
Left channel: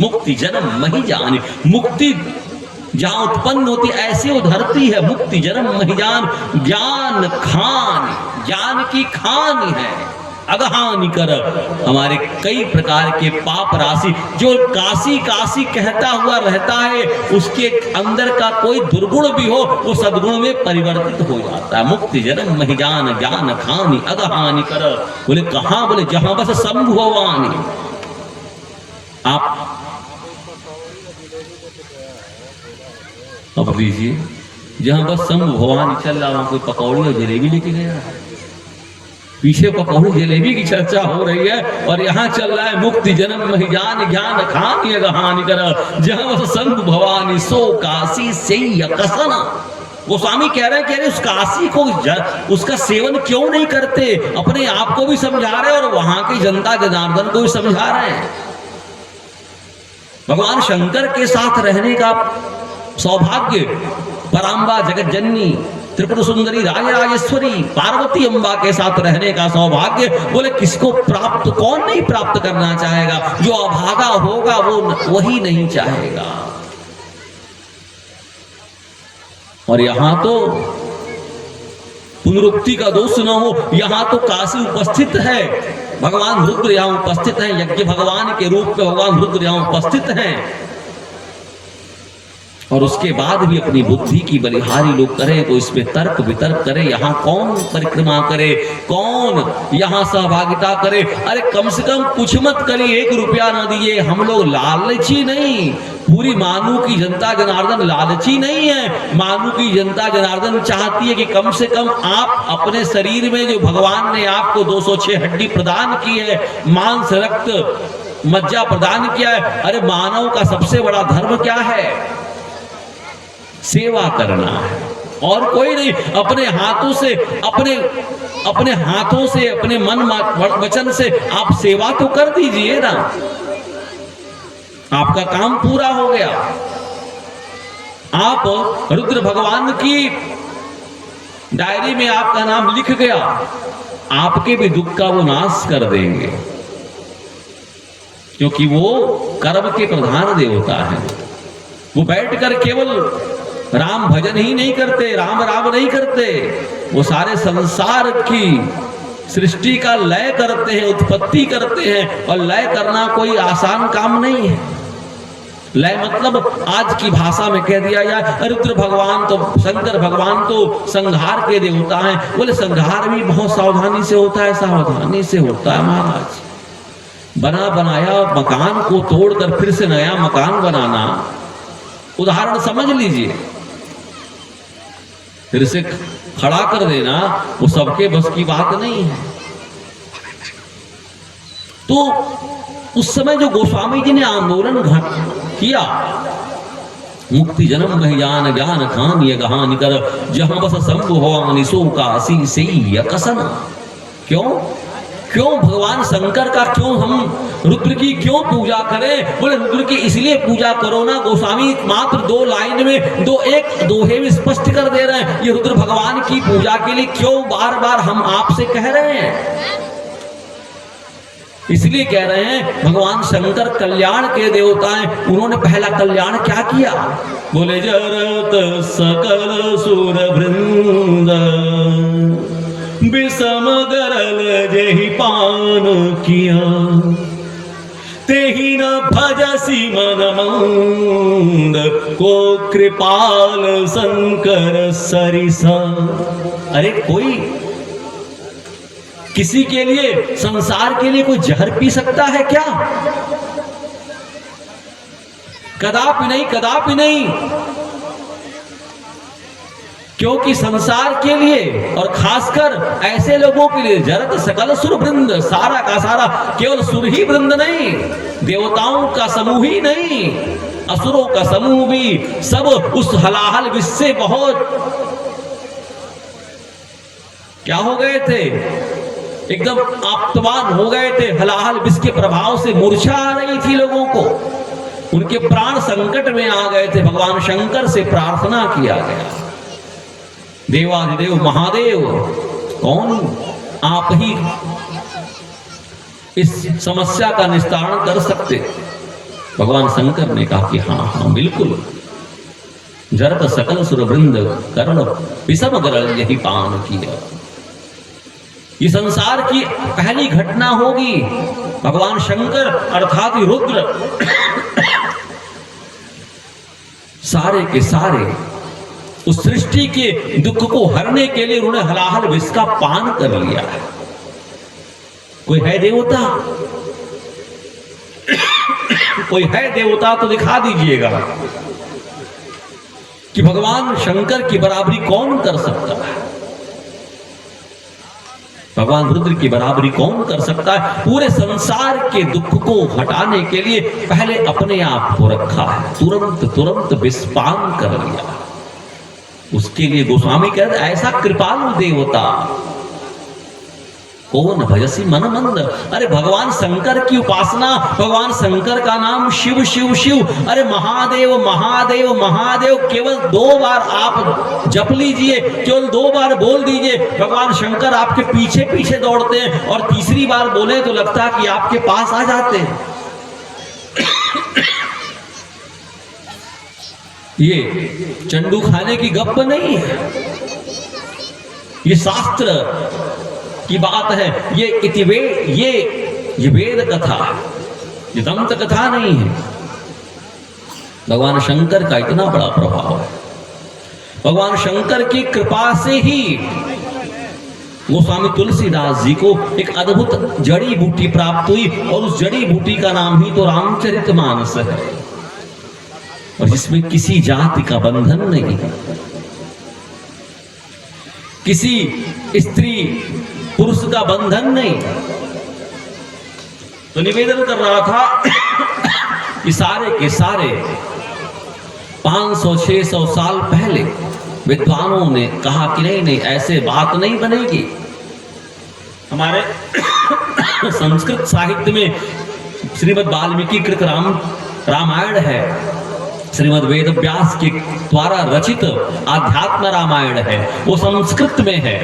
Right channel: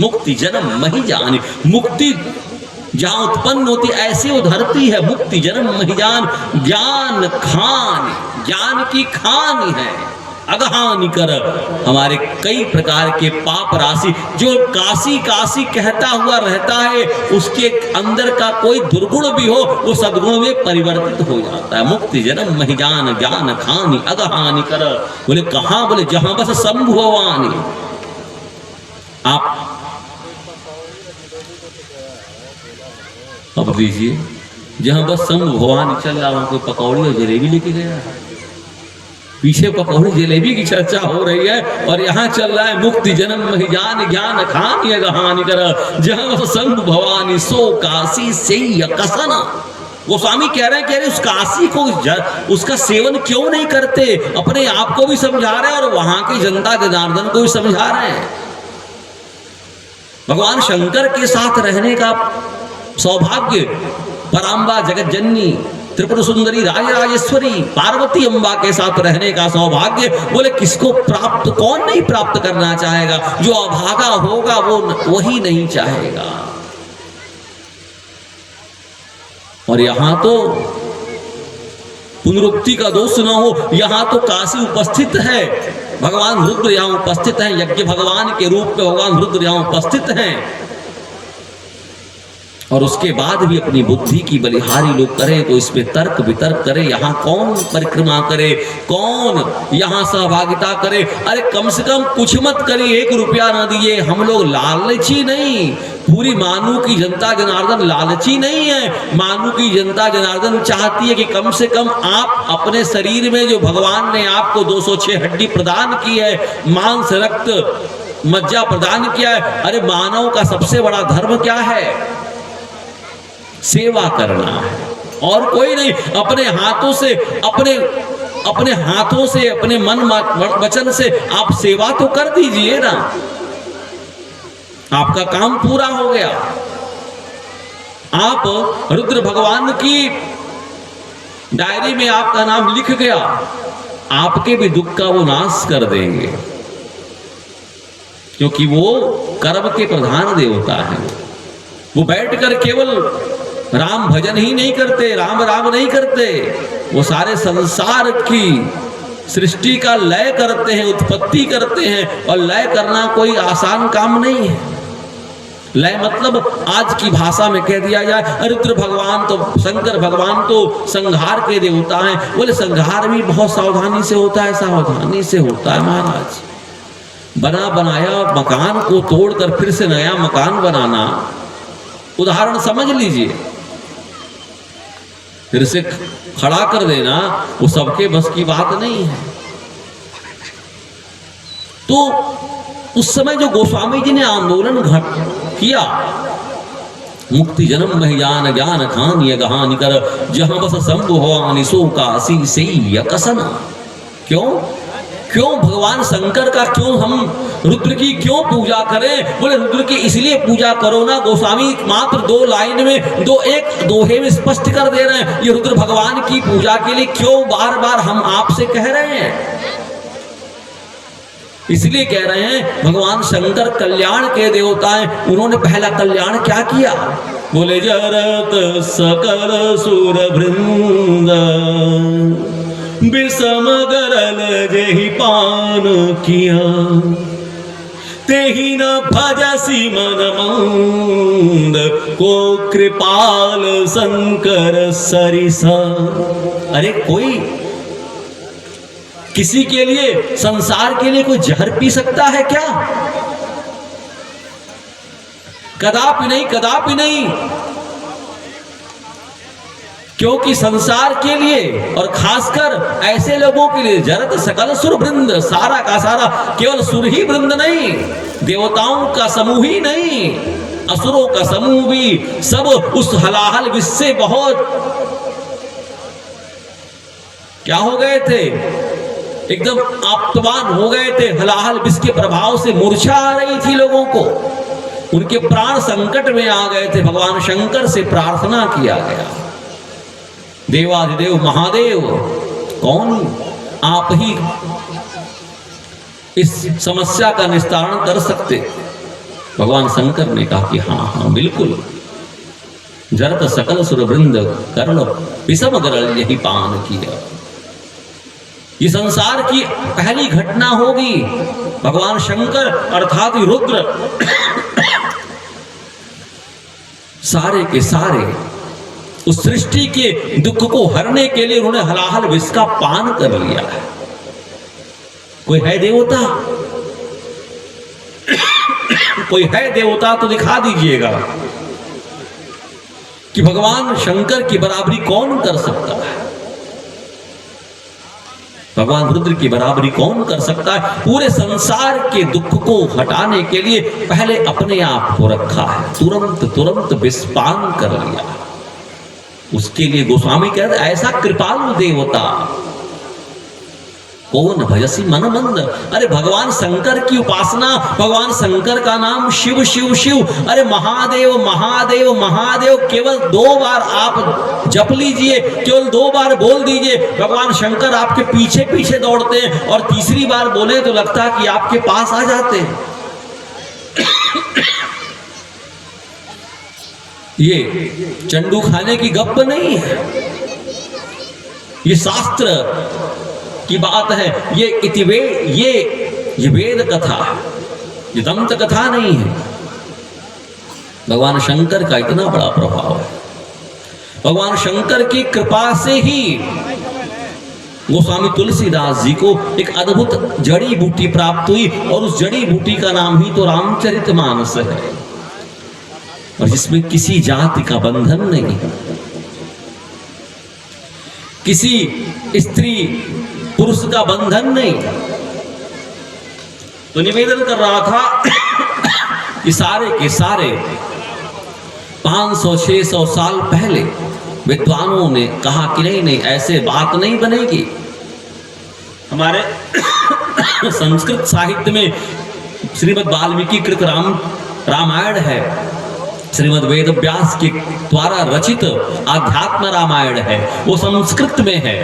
मुक्ति जन्म मही जानी, मुक्ति जहाँ उत्पन्न होती ऐसे उधरती है, मुक्ति जन्म मही जान, ज्ञान खान, ज्ञान की खान है, अगहानि कर। हमारे कई प्रकार के पाप राशि जो काशी काशी कहता हुआ रहता है, उसके अंदर का कोई दुर्गुण भी हो वो सद्गुण में परिवर्तित हो जाता है। मुक्ति जन्म मही जान, ज्ञान खानी अगहानि कर। बोले कहाँ? बोले जहां बस शंभु भवानी। आप अब लीजिए, जहां बस शंभु भवानी चल रहा, वहां कोई पकौड़ी और जलेबी लेके गया है, पीछे पकौड़ी जलेबी की चर्चा हो रही है, और यहाँ चल रहा है मुक्ति जन्म मही जान, ज्ञान खानी अगहानि कर, जहां बस शंभु भवानी सो काशी से कसना। गोस्वामी कह रहे हैं कि अरे उस काशी को उसका सेवन क्यों नहीं करते, अपने आप को भी समझा रहे हैं और वहां की जनता जनार्दन को भी समझा रहे हैं। भगवान शंकर के साथ रहने का सौभाग्य, पराम्बा जगत जननी त्रिपुर सुंदरी राजराजेश्वरी पार्वती अम्बा के साथ रहने का सौभाग्य, बोले किसको प्राप्त, कौन नहीं प्राप्त करना चाहेगा। जो अभागा होगा वो वही नहीं चाहेगा। और यहां तो पुनरुक्ति का दोष न हो, यहां तो काशी उपस्थित है, भगवान रुद्र यहां उपस्थित हैं, यज्ञ भगवान के रूप में भगवान रुद्र यहां उपस्थित हैं। और उसके बाद भी अपनी बुद्धि की बलिहारी लोग करें तो इसमें तर्क वितर्क करे, यहाँ कौन परिक्रमा करे, कौन यहाँ सहभागिता करे। अरे कम से कम कुछ मत करिए, 1 रुपया ना दिए। हम लोग लालची नहीं, पूरी मानू की जनता जनार्दन लालची नहीं है। मानू की जनता जनार्दन चाहती है कि कम से कम आप अपने शरीर में जो भगवान ने आपको 206 हड्डी प्रदान की है, मांस रक्त मज्जा प्रदान किया है। अरे मानव का सबसे बड़ा धर्म क्या है? सेवा करना है, और कोई नहीं। अपने हाथों से अपने हाथों से अपने मन वचन से आप सेवा तो कर दीजिए ना, आपका काम पूरा हो गया। आप रुद्र भगवान की डायरी में आपका नाम लिख गया, आपके भी दुख का वो नाश कर देंगे, क्योंकि वो कर्म के प्रधान देवता है। वो बैठकर केवल राम भजन ही नहीं करते, राम राम नहीं करते, वो सारे संसार की सृष्टि का लय करते हैं, उत्पत्ति करते हैं। और लय करना कोई आसान काम नहीं है। लय मतलब आज की भाषा में कह दिया जाए, रुद्र भगवान तो, शंकर भगवान तो संहार के देवता हैं। बोले संहार भी बहुत सावधानी से होता है, सावधानी से होता है महाराज। बना बनाया मकान को तोड़कर फिर से नया मकान बनाना, उदाहरण समझ लीजिए, फिर से खड़ा कर देना, वो सबके बस की बात नहीं है। तो उस समय जो गोस्वामी जी ने आंदोलन किया, मुक्ति जन्म महियान ज्ञान खान ये गहान कर जहां बस शंभु भवानी सो काशी से कसना। क्यों भगवान शंकर का क्यों हम रुद्र की क्यों पूजा करें? बोले रुद्र की इसलिए पूजा करो ना, गोस्वामी मात्र 2 लाइन में एक दोहे में स्पष्ट कर दे रहे हैं। ये रुद्र भगवान की पूजा के लिए क्यों बार बार हम आपसे कह रहे हैं? इसलिए कह रहे हैं भगवान शंकर कल्याण के देवता हैं। उन्होंने पहला कल्याण क्या किया? बोले जरत सकल सुर वृंद विषम गरल जेहि पान किया, तेहि न भजसी मन मंद को कृपाल शंकर सरिसा। अरे कोई किसी के लिए, संसार के लिए कोई जहर पी सकता है क्या? कदापि नहीं, कदापि नहीं। क्योंकि संसार के लिए और खासकर ऐसे लोगों के लिए जरत सकल सुर वृंद, सारा का सारा, केवल सुर ही वृंद नहीं, देवताओं का समूह ही नहीं, असुरों का समूह भी, सब उस हलाहल विष से बहुत क्या हो गए थे, एकदम आप्तवान हो गए थे। हलाहल विष के प्रभाव से मूर्छा आ रही थी लोगों को, उनके प्राण संकट में आ गए थे। भगवान शंकर से प्रार्थना किया गया, देवाधिदेव महादेव कौन, आप ही इस समस्या का निस्तारण कर सकते। भगवान शंकर ने कहा कि हाँ बिल्कुल, जरत सकल सुर वृंद कर्ण विषम गरल यही पान किया। ये संसार की पहली घटना होगी। भगवान शंकर अर्थात रुद्र सारे के सारे उस सृष्टि के दुख को हरने के लिए उन्होंने हलाहल विष का पान कर लिया है। कोई है देवता? कोई है देवता तो दिखा दीजिएगा कि भगवान शंकर की बराबरी कौन कर सकता है, भगवान रुद्र की बराबरी कौन कर सकता है। पूरे संसार के दुख को हटाने के लिए पहले अपने आप को रखा है, तुरंत तुरंत विष पान कर लिया। उसके लिए गोस्वामी कहते ऐसा कृपालु देवता कौन भजसी मन मंद। अरे भगवान शंकर की उपासना, भगवान शंकर का नाम शिव शिव शिव, अरे महादेव महादेव महादेव केवल 2 बार आप जप लीजिए, केवल 2 बार बोल दीजिए, भगवान शंकर आपके पीछे पीछे दौड़ते हैं, और तीसरी बार बोले तो लगता कि आपके पास आ जाते हैं। ये चंडू खाने की गप्प नहीं है, ये शास्त्र की बात है, ये वेद कथा, ये दंत कथा नहीं है। भगवान शंकर का इतना बड़ा प्रभाव है, भगवान शंकर की कृपा से ही गोस्वामी तुलसीदास जी को एक अद्भुत जड़ी बूटी प्राप्त हुई, और उस जड़ी बूटी का नाम ही तो रामचरितमानस है, और जिसमें किसी जाति का बंधन नहीं, किसी स्त्री पुरुष का बंधन नहीं। तो निवेदन कर रहा था कि सारे के सारे 500-600 साल पहले विद्वानों ने कहा कि नहीं नहीं ऐसे बात नहीं बनेगी। हमारे संस्कृत साहित्य में श्रीमद् वाल्मीकि कृत रामायण है, श्रीमद् वेद व्यास के द्वारा रचित आध्यात्म रामायण है, वो संस्कृत में है,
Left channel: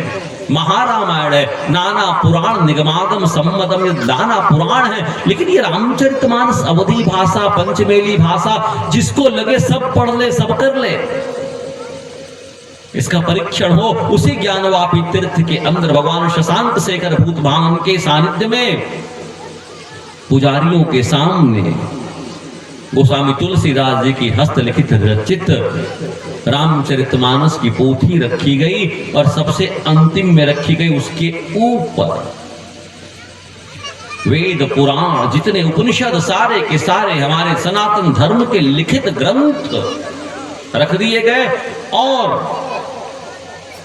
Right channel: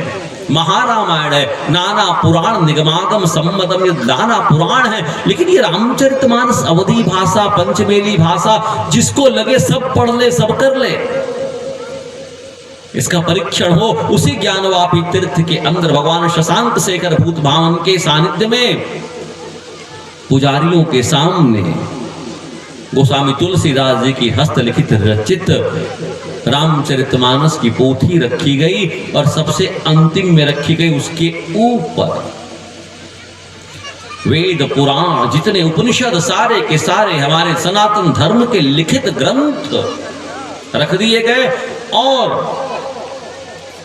महारामायण है, नाना पुराण निगमागम सम्मतम, ये नाना पुराण है। लेकिन ये रामचरितमानस अवधी भाषा, पंचमेली भाषा, जिसको लगे सब पढ़ ले, सब कर ले, इसका परीक्षण हो उसी ज्ञानवापी तीर्थ के अंदर भगवान शशांक शेखर भूत भावन के सानिध्य में पुजारियों के सामने गोस्वामी तुलसीदास जी की हस्तलिखित रचित रामचरितमानस की पोथी रखी गई, और सबसे अंतिम में रखी गई उसके ऊपर वेद पुराण जितने उपनिषद सारे के सारे हमारे सनातन धर्म के लिखित ग्रंथ रख दिए गए, और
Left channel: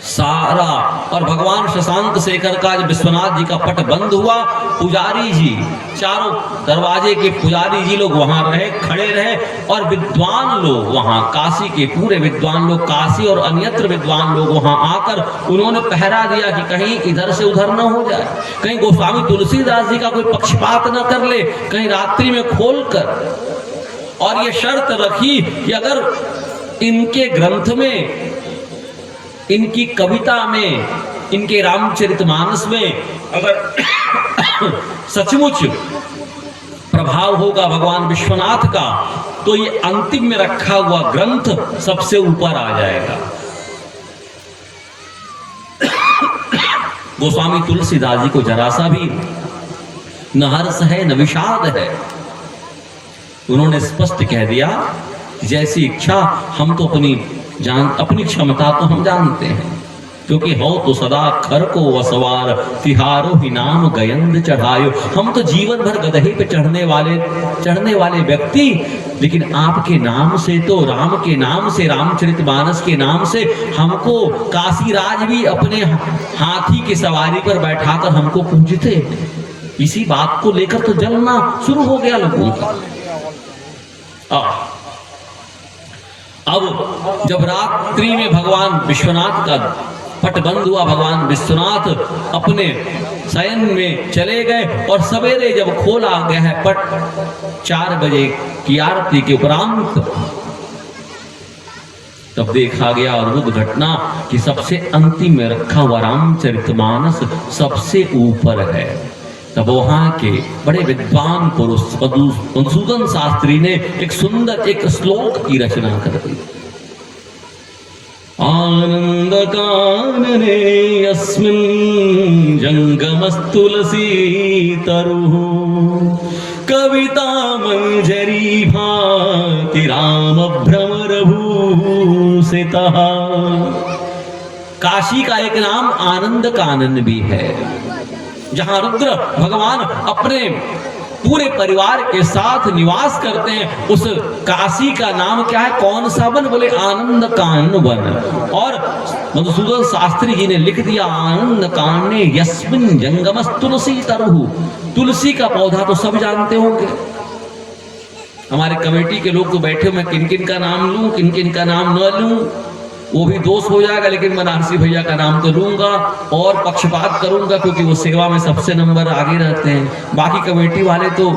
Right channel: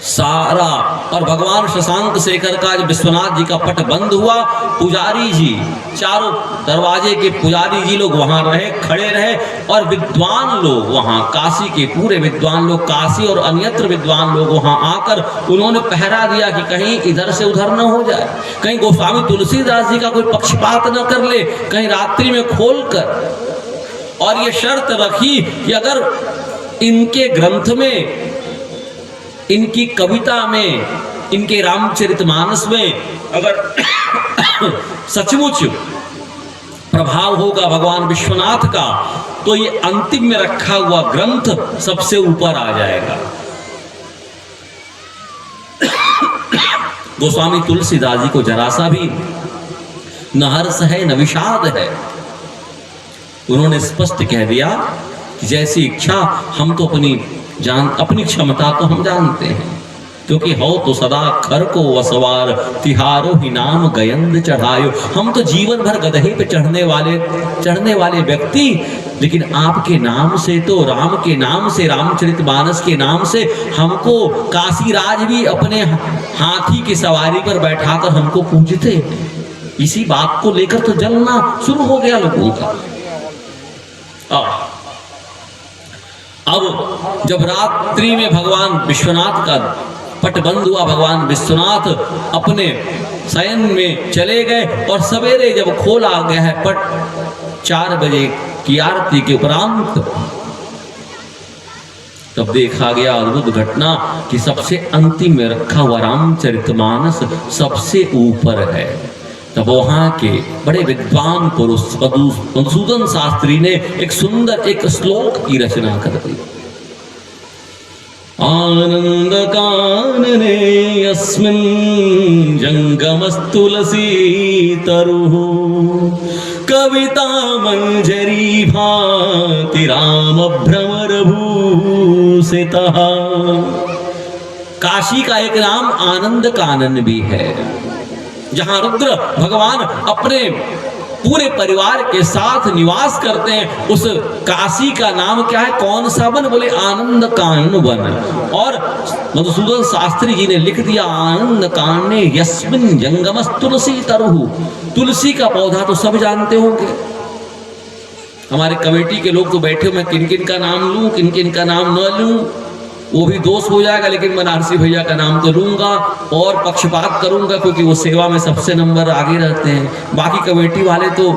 सारा, और भगवान शशांक शेखर का जब विश्वनाथ जी का पट बंद हुआ, पुजारी जी, चारों दरवाजे के पुजारी जी लोग वहां रहे, खड़े रहे, और विद्वान लोग वहां, काशी के पूरे विद्वान लोग, काशी और अन्यत्र विद्वान लोग वहां आकर उन्होंने पहरा दिया कि कहीं इधर से उधर न हो जाए, कहीं गोस्वामी तुलसीदास जी का कोई पक्षपात न कर ले, कहीं रात्रि में खोलकर। और ये शर्त रखी कि अगर इनके ग्रंथ में, इनकी कविता में, इनके रामचरितमानस में अगर सचमुच प्रभाव होगा भगवान विश्वनाथ का, तो ये अंतिम में रखा हुआ ग्रंथ सबसे ऊपर आ जाएगा। गोस्वामी तुलसीदास जी को जरा सा भी न हर्ष है न विषाद है, उन्होंने स्पष्ट कह दिया कि जैसी इच्छा, हम तो अपनी क्षमता तो हम जानते हैं, क्योंकि हो तो सदा खर को वसवार, तिहारो ही नाम गयंद चढ़ायो। हम तो जीवन भर गदहे पे चढ़ने वाले व्यक्ति, लेकिन आपके नाम से, तो राम के नाम से, रामचरितमानस के नाम से हमको काशीराज भी अपने हाथी की सवारी पर बैठाकर हमको पूजते। इसी बात को लेकर तो जलना शुरू हो गया लोगों का। अब जब रात्रि में भगवान विश्वनाथ का पट बंद हुआ, भगवान विश्वनाथ अपने शयन में चले गए, और सवेरे जब खोला गया है पट 4 बजे की आरती के उपरांत, तब देखा गया अद्भुत घटना कि सबसे अंतिम में रखा हुआ रामचरितमानस सबसे ऊपर है। तब वहां के बड़े विद्वान पुरुष मधुसूदन शास्त्री ने एक सुंदर एक श्लोक की रचना कर दी। आनंद कानने अस्मिन् जंगमस्तुलसी तरुः कविता मंजरी भाति राम भ्रमर भूषितः। काशी का एक नाम आनंद कानन भी है, जहां रुद्र भगवान अपने पूरे परिवार के साथ निवास करते हैं। उस काशी का नाम क्या है, कौन सा वन? बोले आनंद कानन वन। और मधुसूदन शास्त्री जी ने लिख दिया, आनंद कानने यस्मिन् जंगमस् तुलसी तरुः। तुलसी का पौधा तो सब जानते होंगे, हमारे कमेटी के लोग तो बैठे, मैं किन किन का नाम लूं, किन किन का नाम न लूं। वो भी दोष हो जाएगा, लेकिन मैं बनारसी भैया का नाम तो लूंगा और पक्षपात करूंगा, क्योंकि वो सेवा में सबसे नंबर आगे रहते हैं। बाकी कमेटी वाले तो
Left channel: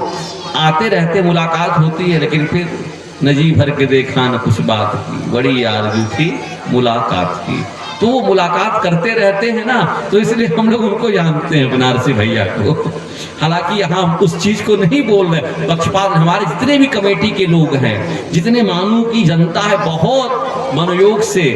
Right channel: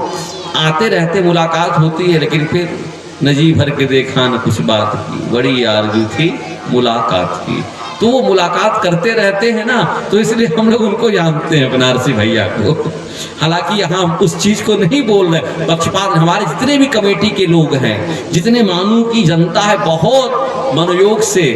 आते रहते, मुलाकात होती है, लेकिन फिर नजी भर के देखा न कुछ बात की, बड़ी आरज़ू थी मुलाकात की। तो वो मुलाकात करते रहते हैं ना, तो इसलिए हम लोग उनको जानते हैं, बनारसी भैया को। हालांकि यहाँ उस चीज को नहीं बोल रहे, पक्षपात। हमारे जितने भी कमेटी के लोग हैं, जितने मानू की जनता है, बहुत मनोयोग से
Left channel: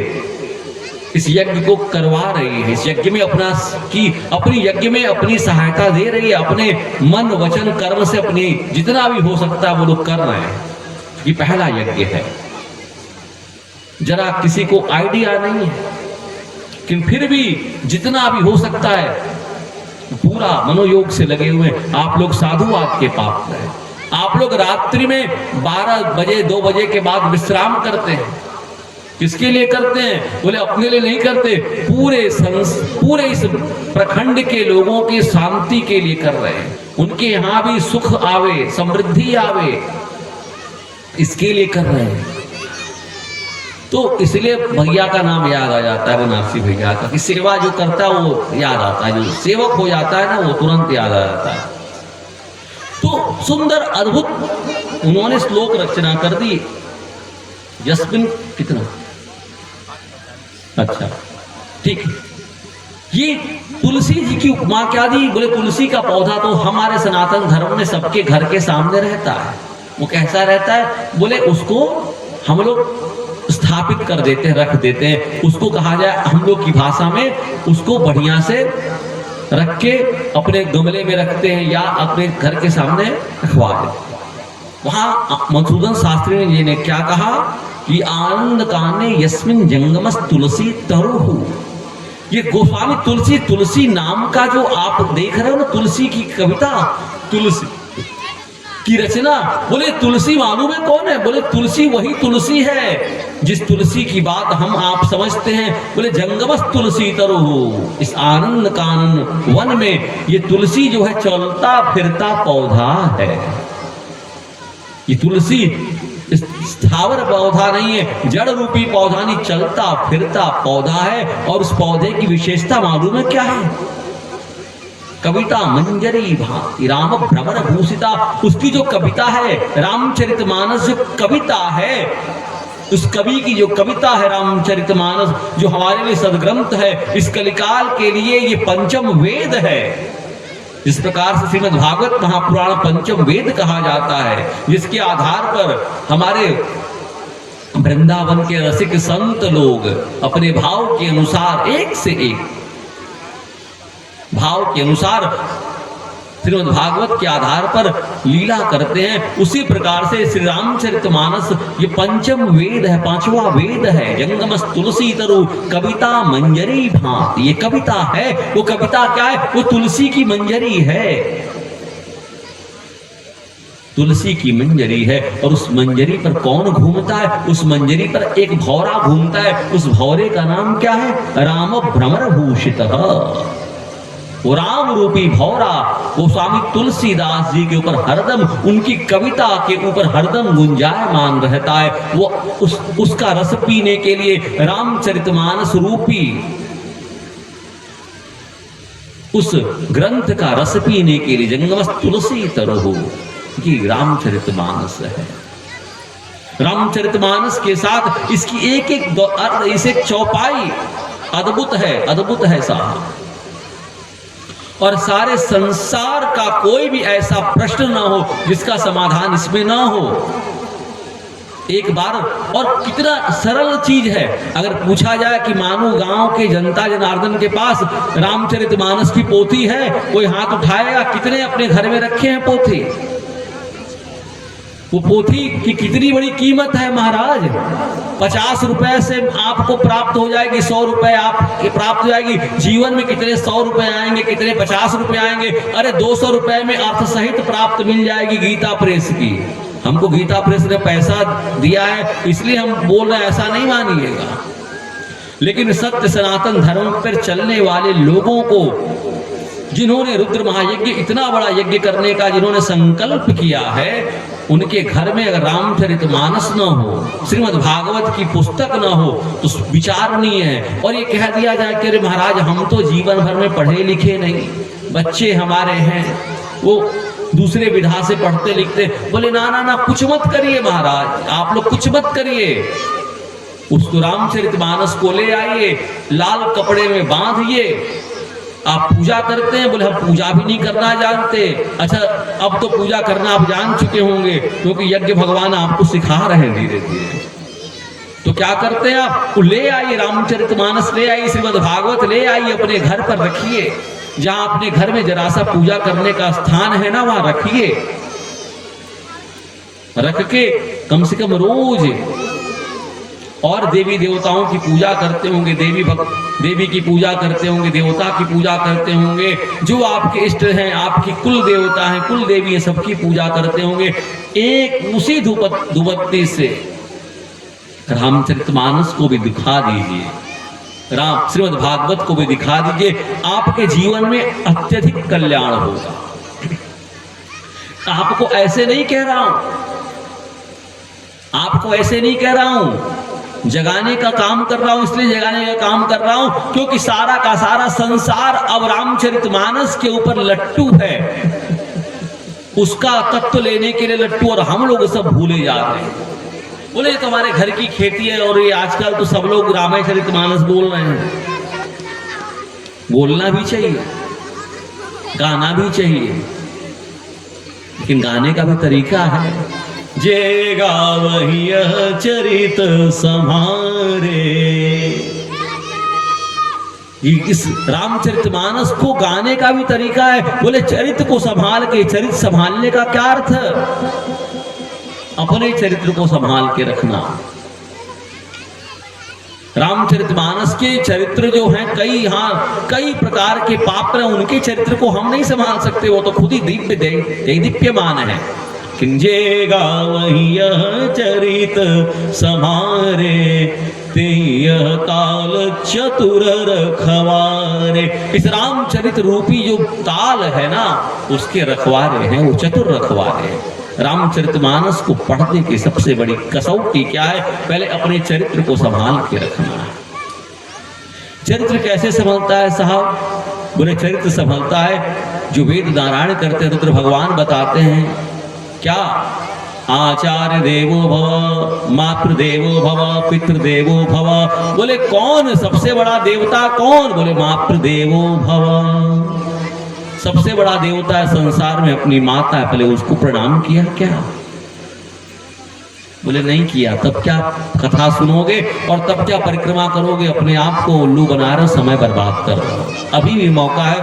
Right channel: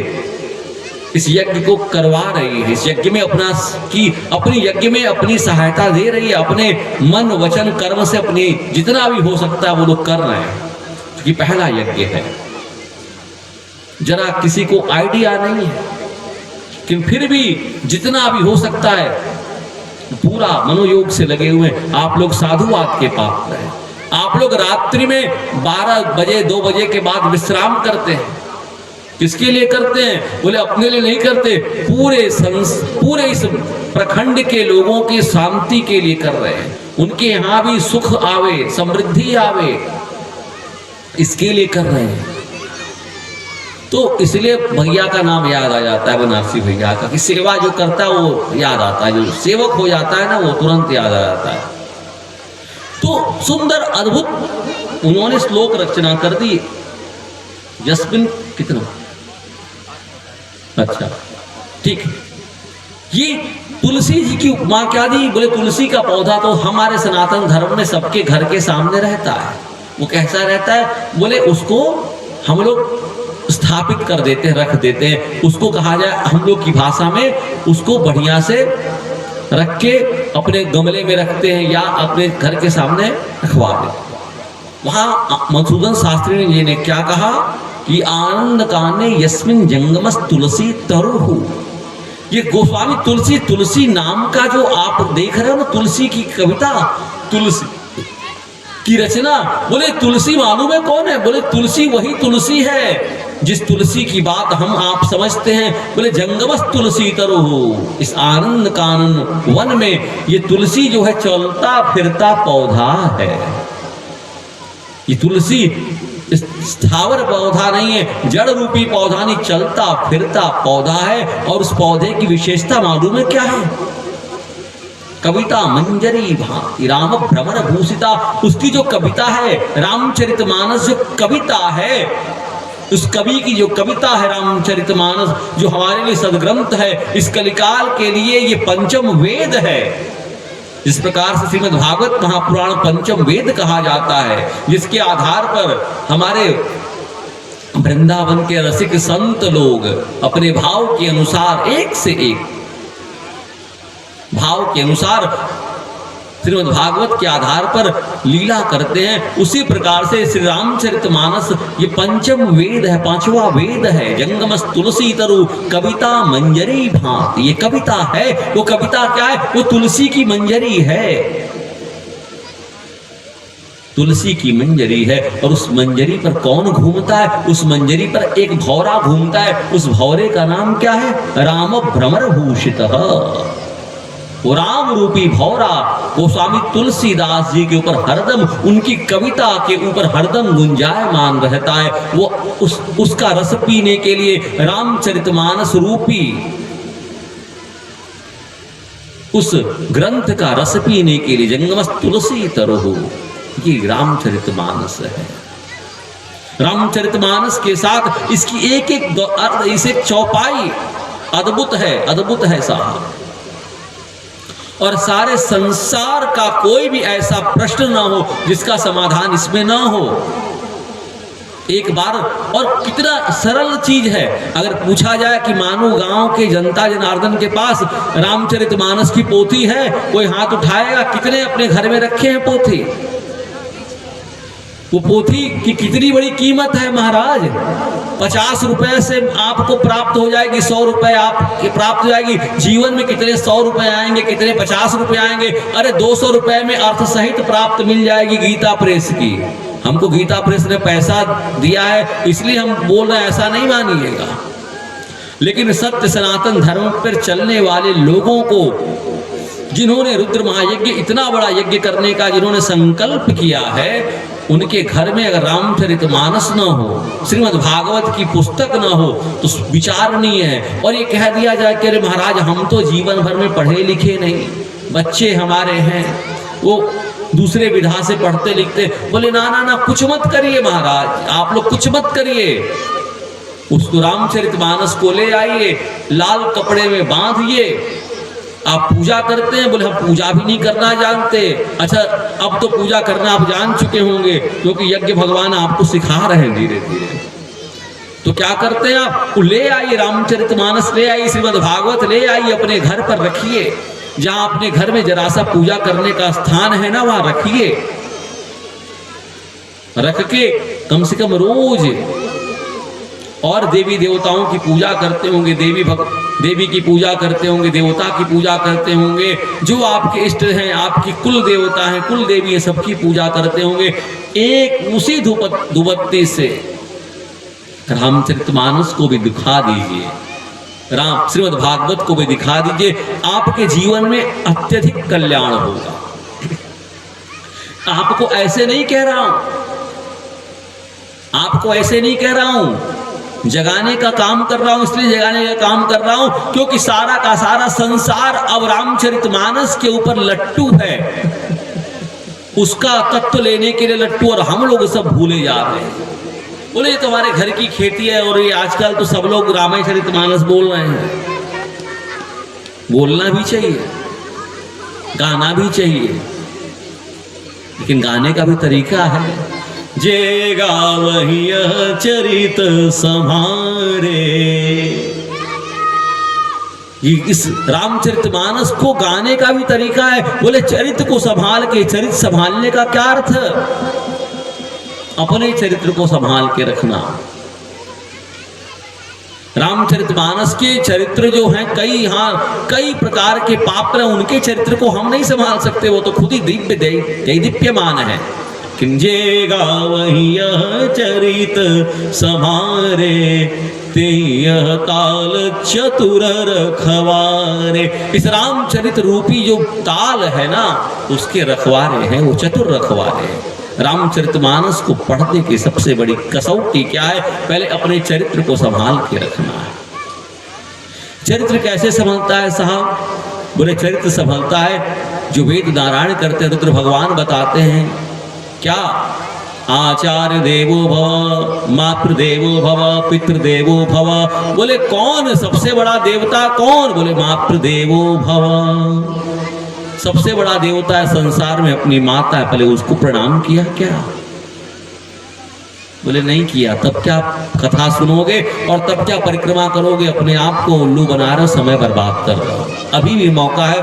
इस यज्ञ को करवा रही है, इस यज्ञ में अपनी यज्ञ में अपनी सहायता दे रही है, अपने मन वचन कर्म से अपनी जितना भी हो सकता है वो लोग कर रहे हैं। ये पहला यज्ञ है। जरा किसी को आइडिया नहीं है, कि फिर भी जितना भी हो सकता है पूरा मनोयोग से लगे हुए। आप लोग साधुवाद के पात्र हैं। आप लोग रात्रि में 12 बजे 2 बजे के बाद विश्राम करते हैं। किसके लिए करते हैं? बोले अपने लिए नहीं करते, पूरे इस प्रखंड के लोगों की शांति के लिए कर रहे हैं। उनके यहाँ भी सुख आवे, समृद्धि आवे, इसके लिए कर रहे हैं। तो इसलिए भैया का नाम याद आ जाता है, बनारसी भैया का, कि सेवा जो करता है वो याद आता है, जो सेवक हो जाता है ना वो तुरंत याद आ जाता है। तो सुंदर अद्भुत उन्होंने श्लोक रचना कर दी। यस्मिन कितना अच्छा, ठीक है। ये तुलसी जी की उपमा क्या दी? बोले तुलसी का पौधा तो हमारे सनातन धर्म में सबके घर के सामने रहता है। वो कैसा रहता है? बोले उसको हम लोग स्थापित कर देते हैं, रख देते हैं। उसको कहा जाए हम लोग की भाषा में, उसको बढ़िया से रख के अपने गमले में रखते हैं या अपने घर के सामने रखवा देते। वहां मधुसूदन शास्त्री जी ने क्या कहा कि आनंद काने यस्मिन जंगमस तुलसी तरुहु। ये गोस्वामी तुलसी नाम का जो आप देख रहे हो ना, तुलसी की कविता, तुलसी की रचना, बोले तुलसी मालूम है कौन है? बोले तुलसी वही तुलसी है जिस तुलसी की बात हम आप समझते हैं। बोले जंगमस तुलसी तरुहु, इस आनंद कानन वन में ये तुलसी जो है चलता फिरता पौधा है। ये तुलसी स्थावर पौधा नहीं है, जड़ रूपी पौधा नहीं, चलता फिरता पौधा है। और उस पौधे की विशेषता मालूम है क्या है? कविता मंजरी भांति राम भ्रमर भूषिता। उसकी जो कविता है, रामचरितमानस जो कविता है, उस कवि की जो कविता है रामचरितमानस, जो हमारे लिए सदग्रंथ है, इस कलिकाल के लिए ये पंचम वेद है। जिस प्रकार से श्रीमद् भागवत महापुराण पंचम वेद कहा जाता है, जिसके आधार पर हमारे वृंदावन के रसिक संत लोग अपने भाव के अनुसार, एक से एक भाव के अनुसार श्रीमद् भागवत के आधार पर लीला करते हैं। उसी प्रकार से श्री रामचरितमानस ये पंचम वेद है, 5वां वेद है। जंगमस तुलसी तरु कविता मंजरी भांति, ये कविता है। वो कविता क्या है? वो तुलसी की मंजरी है, तुलसी की मंजरी है। और उस मंजरी पर कौन घूमता है? उस मंजरी पर एक भौरा घूमता है। उस भौरे का नाम क्या है? राम भ्रमर भूषितः। वो राम रूपी भौरा वो स्वामी तुलसीदास जी के ऊपर हरदम, उनकी कविता के ऊपर हरदम गुंजायमान रहता है। वो उसका रस पीने के लिए, रामचरितमानस रूपी उस ग्रंथ का रस पीने के लिए जंगमस तुलसी तरहु, ये रामचरितमानस है। रामचरितमानस के साथ इसकी एक एक चौपाई अद्भुत है, अद्भुत है साहब। और सारे संसार का कोई भी ऐसा प्रश्न ना हो जिसका समाधान इसमें ना हो। एक बार, और कितना सरल चीज है। अगर पूछा जाए कि मानो गांव के जनता जनार्दन के पास रामचरितमानस की पोथी है, कोई हाथ उठाएगा? कितने अपने घर में रखे हैं पोथी? वो पोथी की कितनी बड़ी कीमत है महाराज। 50 रुपए से आपको प्राप्त हो जाएगी, 100 रुपए आपके प्राप्त हो जाएगी। जीवन में कितने 100 रुपए आएंगे, कितने 50 रुपए आएंगे। अरे 200 रुपए में अर्थ सहित प्राप्त मिल जाएगी गीता प्रेस की। हमको गीता प्रेस ने पैसा दिया है इसलिए हम बोल रहे हैं, ऐसा नहीं मानिएगा। लेकिन सत्य सनातन धर्म पर चलने वाले लोगों को, जिन्होंने रुद्र महायज्ञ, इतना बड़ा यज्ञ करने का जिन्होंने संकल्प किया है, उनके घर में अगर रामचरितमानस न हो, श्रीमद् भागवत की पुस्तक न हो तो विचार नहीं है। और ये कह दिया जाए कि अरे महाराज हम तो जीवन भर में पढ़े लिखे नहीं, बच्चे हमारे हैं वो दूसरे विधा से पढ़ते लिखते, बोले ना ना ना कुछ मत करिए महाराज, आप लोग कुछ मत करिए, उसको रामचरितमानस को ले आइए, लाल कपड़े में बांधिए, आप पूजा करते हैं? बोले हम पूजा भी नहीं करना जानते। अच्छा अब तो पूजा करना आप जान चुके होंगे क्योंकि यज्ञ भगवान आपको सिखा रहे हैं धीरे धीरे। तो क्या करते हैं आप? ले आइए रामचरितमानस, ले आइए श्रीमद् भागवत, ले आइए अपने घर पर रखिए, जहां अपने घर में जरा सा पूजा करने का स्थान है ना वहां रखिए, रख के कम से कम रोज और देवी देवताओं की पूजा करते होंगे, देवी की पूजा करते होंगे, देवता की पूजा करते होंगे, जो आपके इष्ट हैं, आपकी कुल देवता हैं, कुल देवी है, सबकी पूजा करते होंगे। एक उसी धूपबत्ती से रामचरितमानस को भी दिखा दीजिए, राम श्रीमद् भागवत को भी दिखा दीजिए, आपके जीवन में अत्यधिक कल्याण होगा। आपको ऐसे नहीं कह रहा हूं, आपको ऐसे नहीं कह रहा हूं, जगाने का काम कर रहा हूं, इसलिए जगाने का काम कर रहा हूं क्योंकि सारा का सारा संसार अब रामचरितमानस के ऊपर लट्टू है, उसका तत्व लेने के लिए लट्टू, और हम लोग सब भूले जा रहे हैं। बोले तुम्हारे घर की खेती है और ये आजकल तो सब लोग रामचरितमानस बोल रहे हैं। बोलना भी चाहिए, गाना भी चाहिए, लेकिन गाने का भी तरीका है। जे गावहि चरित सम्हारे, इस रामचरितमानस को गाने का भी तरीका है। बोले चरित्र को संभाल के, चरित्र संभालने का क्या अर्थ? अपने चरित्र को संभाल के रखना। रामचरितमानस के चरित्र जो हैं कई प्रकार के पात्र हैं, उनके चरित्र को हम नहीं संभाल सकते, वो तो खुद ही दीप्यमान है। किंजे गावहि चरित सम्हारे, तेह ताल चतुर रखवारे। इस रामचरित रूपी जो ताल है ना, उसके रखवारे हैं, वो चतुर रखवारे हैं। रामचरितमानस को पढ़ने की सबसे बड़ी कसौटी क्या है? पहले अपने चरित्र को संभाल के रखना है। चरित्र कैसे संभलता है साहब? बोले चरित्र संभलता है जो वेद नारायण करते हैं, रुद्र भगवान बताते हैं क्या? आचार्य देवो भव, मातृदेवो भव, पितृदेवो भव। बोले कौन सबसे बड़ा देवता कौन? बोले मातृदेवो भव। सबसे बड़ा देवता है संसार में अपनी माता है, पहले उसको प्रणाम किया क्या? बोले नहीं किया। तब क्या कथा सुनोगे और तब क्या परिक्रमा करोगे? अपने आप को उल्लू बना रहे, समय बर्बाद कर रहे हो। अभी भी मौका है,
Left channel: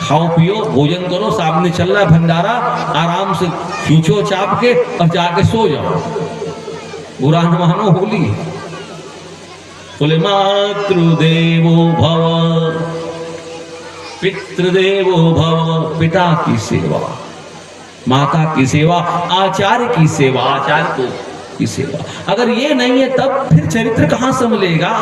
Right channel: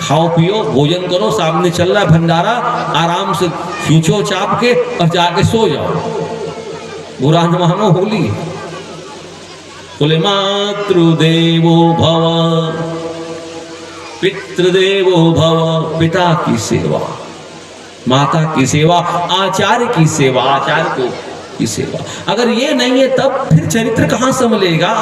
खाओ पियो, भोजन करो, सामने चल रहा है भंडारा, आराम से खींचो चाप के और जाके सो जाओ, बुरा न मानो होली। बोले मातृदेवो भव, पितृदेवो भव। पिता की सेवा, माता की सेवा, आचार्य की सेवा, आचार्य की सेवा। अगर ये नहीं है तब फिर चरित्र कहां से मिलेगा?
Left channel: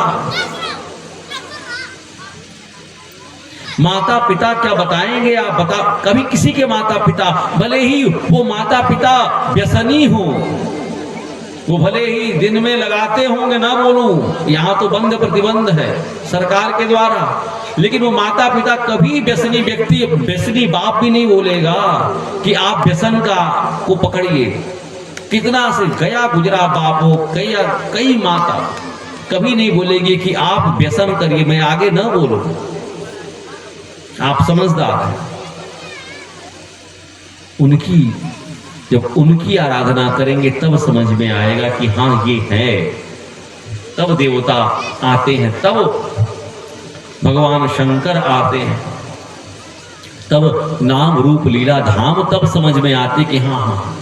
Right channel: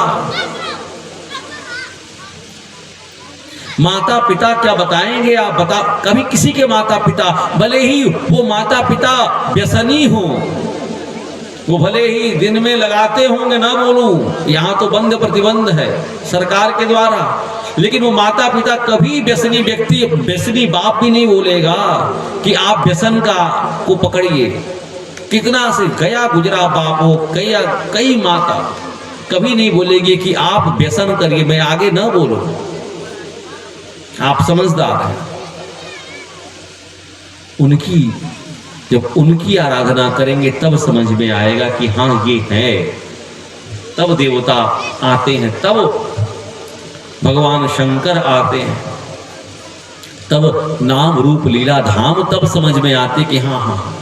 माता पिता क्या बताएंगे आप? बता कभी किसी के माता पिता, भले ही वो माता पिता व्यसनी हो, वो भले ही दिन में लगाते होंगे, ना बोलूं, यहाँ तो बंद प्रतिबंध है सरकार के द्वारा, लेकिन वो माता पिता कभी व्यसनी व्यक्ति, व्यसनी बाप भी नहीं बोलेगा कि आप व्यसन का को पकड़िए। कितना से गया गुजरा बाप हो, कई माता कभी नहीं बोलेगी कि आप व्यसन करिए, मैं आगे ना बोलूं। आप समझदार हैं। जब उनकी आराधना करेंगे तब समझ में आएगा कि हाँ ये है, तब देवता आते हैं, तब भगवान शंकर आते हैं, तब नाम रूप लीला धाम तब समझ में आते कि हाँ हाँ।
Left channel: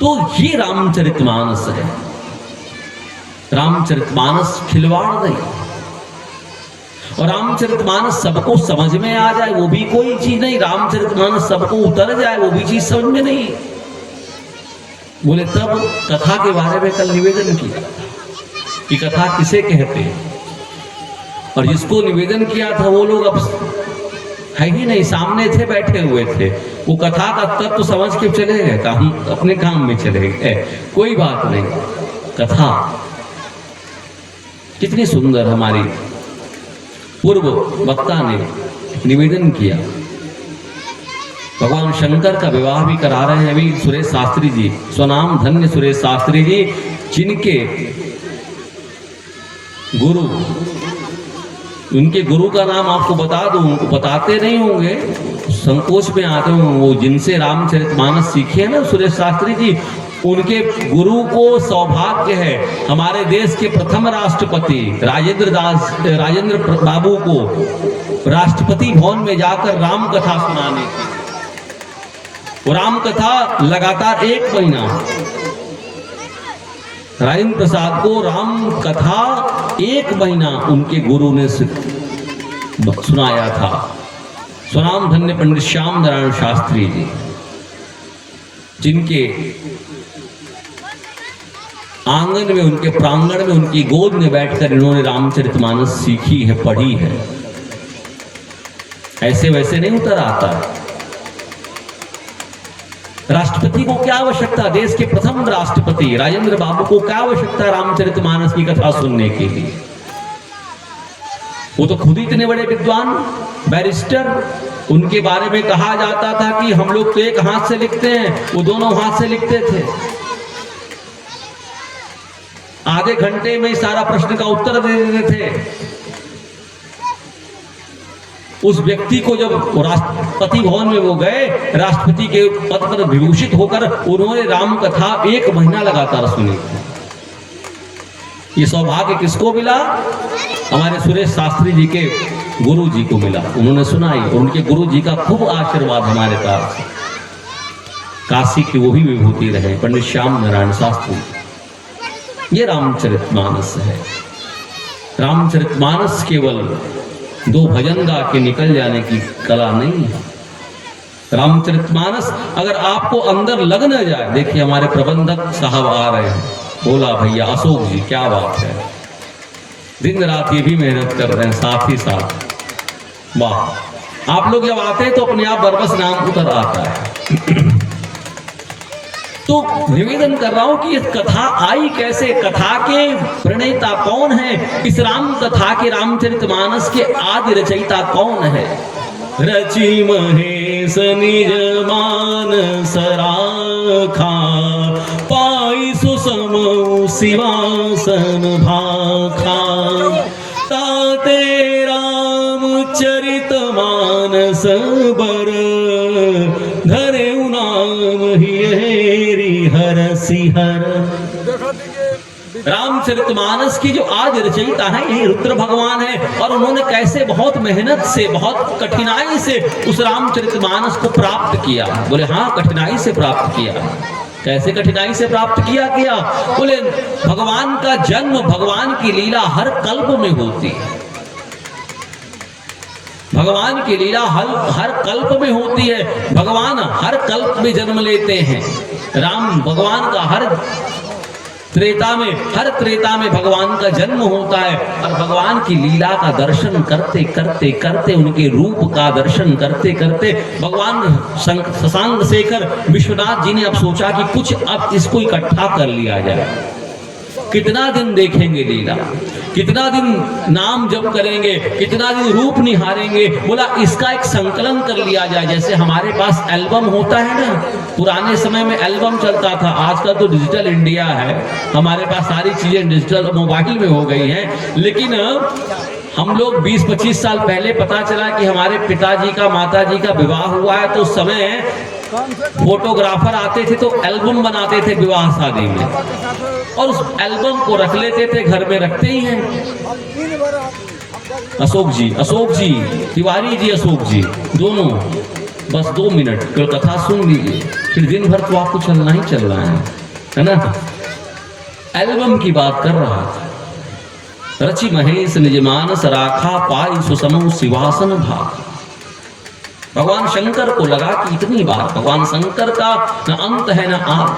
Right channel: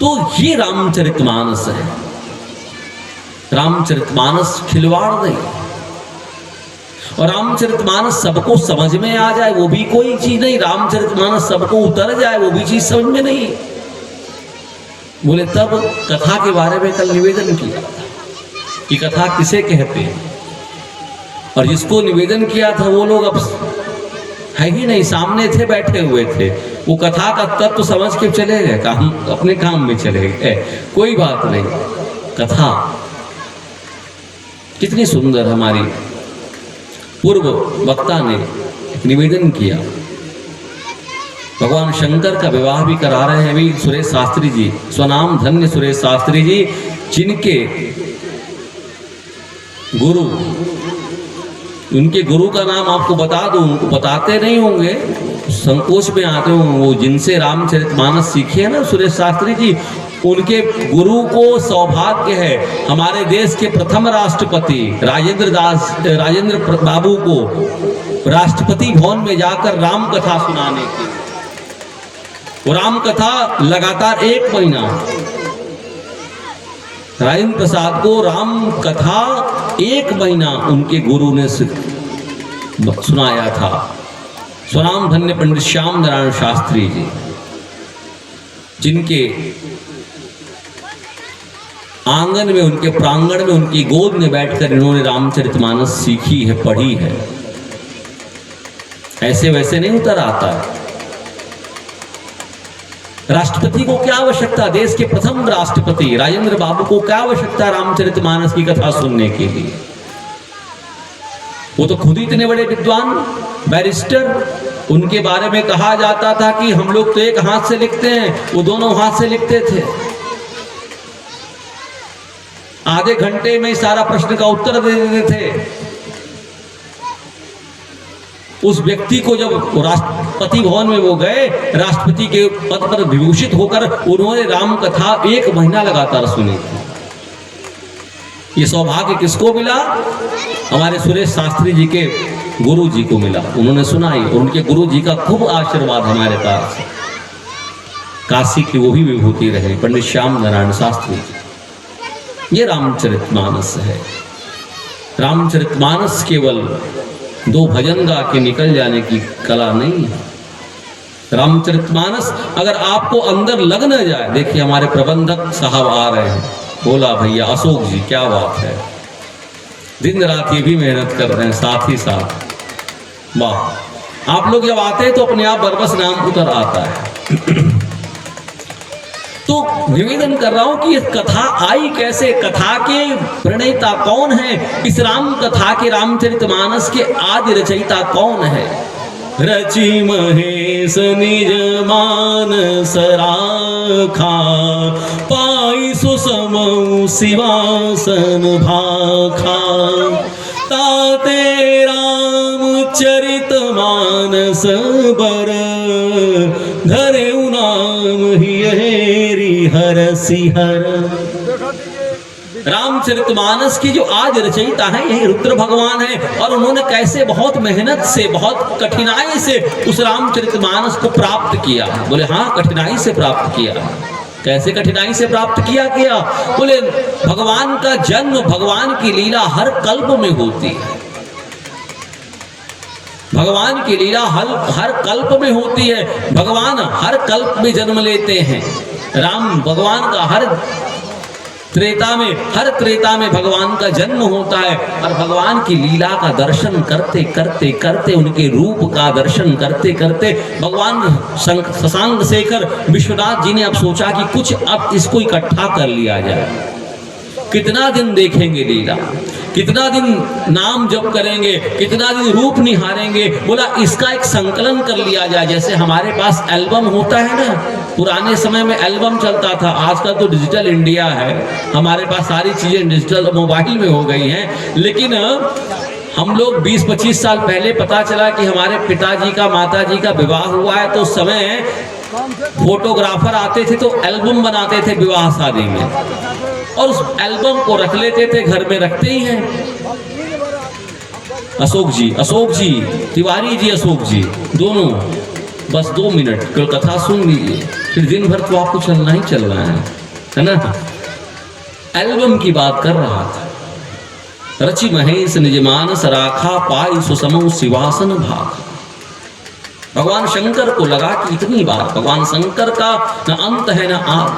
तो ये रामचरितमानस है। रामचरितमानस खिलवाड़ नहीं, और रामचरितमानस सबको समझ में आ जाए वो भी कोई चीज नहीं, रामचरितमानस सबको उतर जाए वो भी चीज समझ में नहीं। बोले तब कथा के बारे में कल निवेदन किया कि कथा किसे कहते हैं, और जिसको निवेदन किया था वो लोग अब है ही नहीं, सामने थे, बैठे हुए थे। वो कथा का तत्व समझ के चले गए, काम अपने काम में चले गए, कोई बात नहीं। कथा कितनी सुंदर, हमारी पूर्व वक्ता ने निवेदन किया। भगवान शंकर का विवाह भी करा रहे हैं अभी सुरेश शास्त्री जी, स्वनाम धन्य सुरेश शास्त्री जी, जिनके गुरु, उनके गुरु का नाम आपको बता दूं, उनको बताते नहीं होंगे, संकोच में आते होंगे। वो जिनसे रामचरितमानस सीखे हैं ना सुरेश शास्त्री जी, उनके गुरु को सौभाग्य है हमारे देश के प्रथम राष्ट्रपति राजेंद्र बाबू को राष्ट्रपति भवन में जाकर राम कथा सुनाने की। राम कथा लगातार 1 महीना राजेंद्र प्रसाद को राम कथा 1 महीना उनके गुरु ने सुनाया था। स्वनाम धन्य पंडित श्याम नारायण शास्त्री जी, जिनके आंगन में, उनके प्रांगण में, उनकी गोद में बैठकर इन्होंने रामचरितमानस सीखी है, पढ़ी है। ऐसे वैसे नहीं उतर आता है। राष्ट्रपति को क्या आवश्यकता, देश के प्रथम राष्ट्रपति राजेंद्र बाबू को क्या आवश्यकता रामचरितमानस की कथा सुनने के लिए? वो तो खुद ही इतने बड़े विद्वान बैरिस्टर, उनके बारे में कहा जाता था कि हम लोग तो एक हाथ से लिखते हैं, वो दोनों हाथ से लिखते थे। आधे घंटे में सारा प्रश्न का उत्तर दे देते थे। उस व्यक्ति को जब राष्ट्रपति भवन में वो गए, राष्ट्रपति के पद पर विभूषित होकर उन्होंने राम कथा 1 महीना लगातार सुनी। ये सौभाग्य किसको मिला? हमारे सुरेश शास्त्री जी के गुरु जी को मिला, उन्होंने सुनाई। और उनके गुरु जी का खूब आशीर्वाद हमारे पास, काशी की वो भी विभूति रहे पंडित श्याम नारायण शास्त्री जी। ये रामचरितमानस है। रामचरितमानस केवल 2 भजन गा के निकल जाने की कला नहीं है। रामचरितमानस अगर आपको अंदर लग न जाए, देखिए हमारे प्रबंधक साहब आ रहे हैं, बोला भैया अशोक जी, क्या बात है, दिन रात ये भी मेहनत कर रहे हैं साथ ही साथ। वाह, आप लोग जब आते हैं तो अपने आप बरबस नाम उतर आता है। तो निवेदन कर रहा हूं कि ये कथा आई कैसे, कथा के प्रणेता कौन है, इस राम कथा के रामचरितमानस के आदि रचयिता कौन है? रचि महेश निज मानस राखा, पाई सुसमौ सिंहासन भाखा, ताते रामचरित मानस बर, धरे नाम ही हर सिहर। रामचरितमानस की जो आज रचयिता है यही रुद्र भगवान है, और उन्होंने कैसे बहुत मेहनत से, बहुत कठिनाई से उस रामचरितमानस को प्राप्त किया। बोले हाँ, कठिनाई से प्राप्त किया। कैसे कठिनाई से प्राप्त किया? बोले भगवान का जन्म, भगवान की लीला हर कल्प में होती है। भगवान की लीला हर कल्प में होती है। भगवान हर कल्प में जन्म लेते हैं। राम भगवान का हर त्रेता में भगवान का जन्म होता है, और भगवान की लीला का दर्शन करते करते करते, उनके रूप का दर्शन करते करते भगवान शशांक शेखर विश्वनाथ जी ने अब सोचा कि कुछ अब इसको इकट्ठा कर लिया जाए। कितना दिन देखेंगे लीला, कितना दिन नाम जप करेंगे, कितना दिन रूप निहारेंगे। बोला इसका एक संकलन कर लिया जाए। जैसे हमारे पास एल्बम होता है ना, पुराने समय में एल्बम चलता था, आजकल तो डिजिटल इंडिया है, हमारे पास सारी चीजें डिजिटल मोबाइल में हो गई हैं। लेकिन हम लोग 20-25 साल पहले पता चला कि हमारे पिताजी का, माताजी का विवाह हुआ है, तो उस समय फोटोग्राफर आते थे तो एल्बम बनाते थे विवाह शादी में, और उस एल्बम को रख लेते थे, घर में रखते ही हैं। अशोक जी, तिवारी जी, अशोक जी, दोनों बस 2 मिनट कल कथा सुन लीजिए, फिर दिन भर तो आपको चलना ही चलना है ना। एल्बम की बात कर रहा था। रचि महेश निज मानस राखा, पाई सुसमौ सिंहासन भाखा। भगवान शंकर को लगा कि इतनी बात, भगवान शंकर का न अंत है न आद,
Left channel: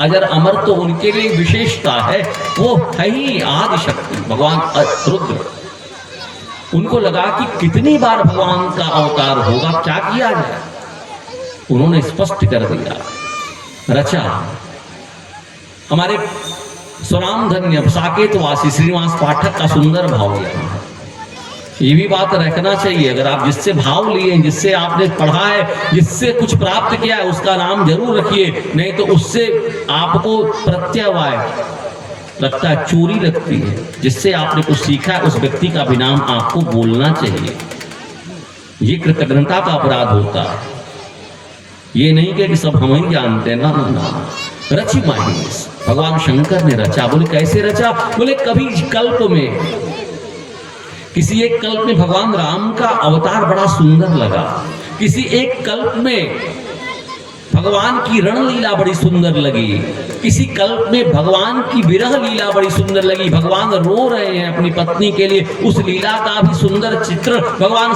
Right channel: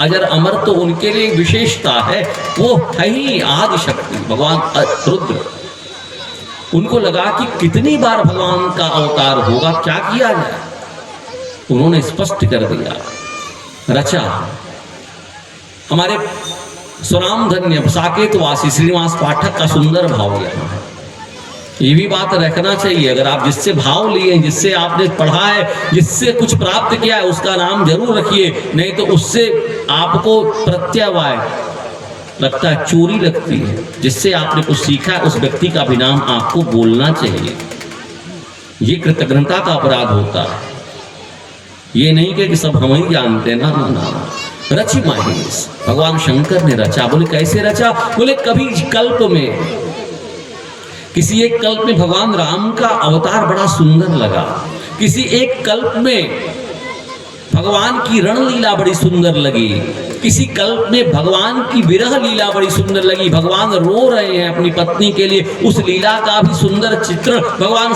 अजर अमर, तो उनके लिए विशेषता है, वो है ही आदि शक्ति भगवान रुद्र। उनको लगा कि कितनी बार भगवान का अवतार होगा, क्या किया जाए। उन्होंने स्पष्ट कर दिया, रचा। हमारे सुराम धन्य साकेतवासी श्रीनिवास पाठक का सुंदर भाव लिया। ये भी बात रखना चाहिए, अगर आप जिससे भाव लिए, जिससे आपने पढ़ा है, जिससे कुछ प्राप्त किया है, उसका नाम जरूर रखिए, नहीं तो उससे आपको प्रत्यवाय लगता है, चोरी लगती है। जिससे आपने कुछ सीखा है उस व्यक्ति का भी नाम आपको बोलना चाहिए। ये कृतज्ञता का अपराध होता है। ये नहीं कि सब हम ही जानते हैं, ना। रचि माहेश, भगवान शंकर ने रचा। बोले कैसे रचा? बोले कभी कल्प में, किसी एक कल्प में भगवान राम का अवतार बड़ा सुंदर लगा, किसी एक कल्प में भगवान की रणलीला बड़ी सुंदर लगी, किसी कल्प में भगवान की विरह लीला बड़ी सुंदर लगी। भगवान रो रहे हैं अपनी पत्नी के लिए, उस लीला का भी सुंदर चित्र भगवान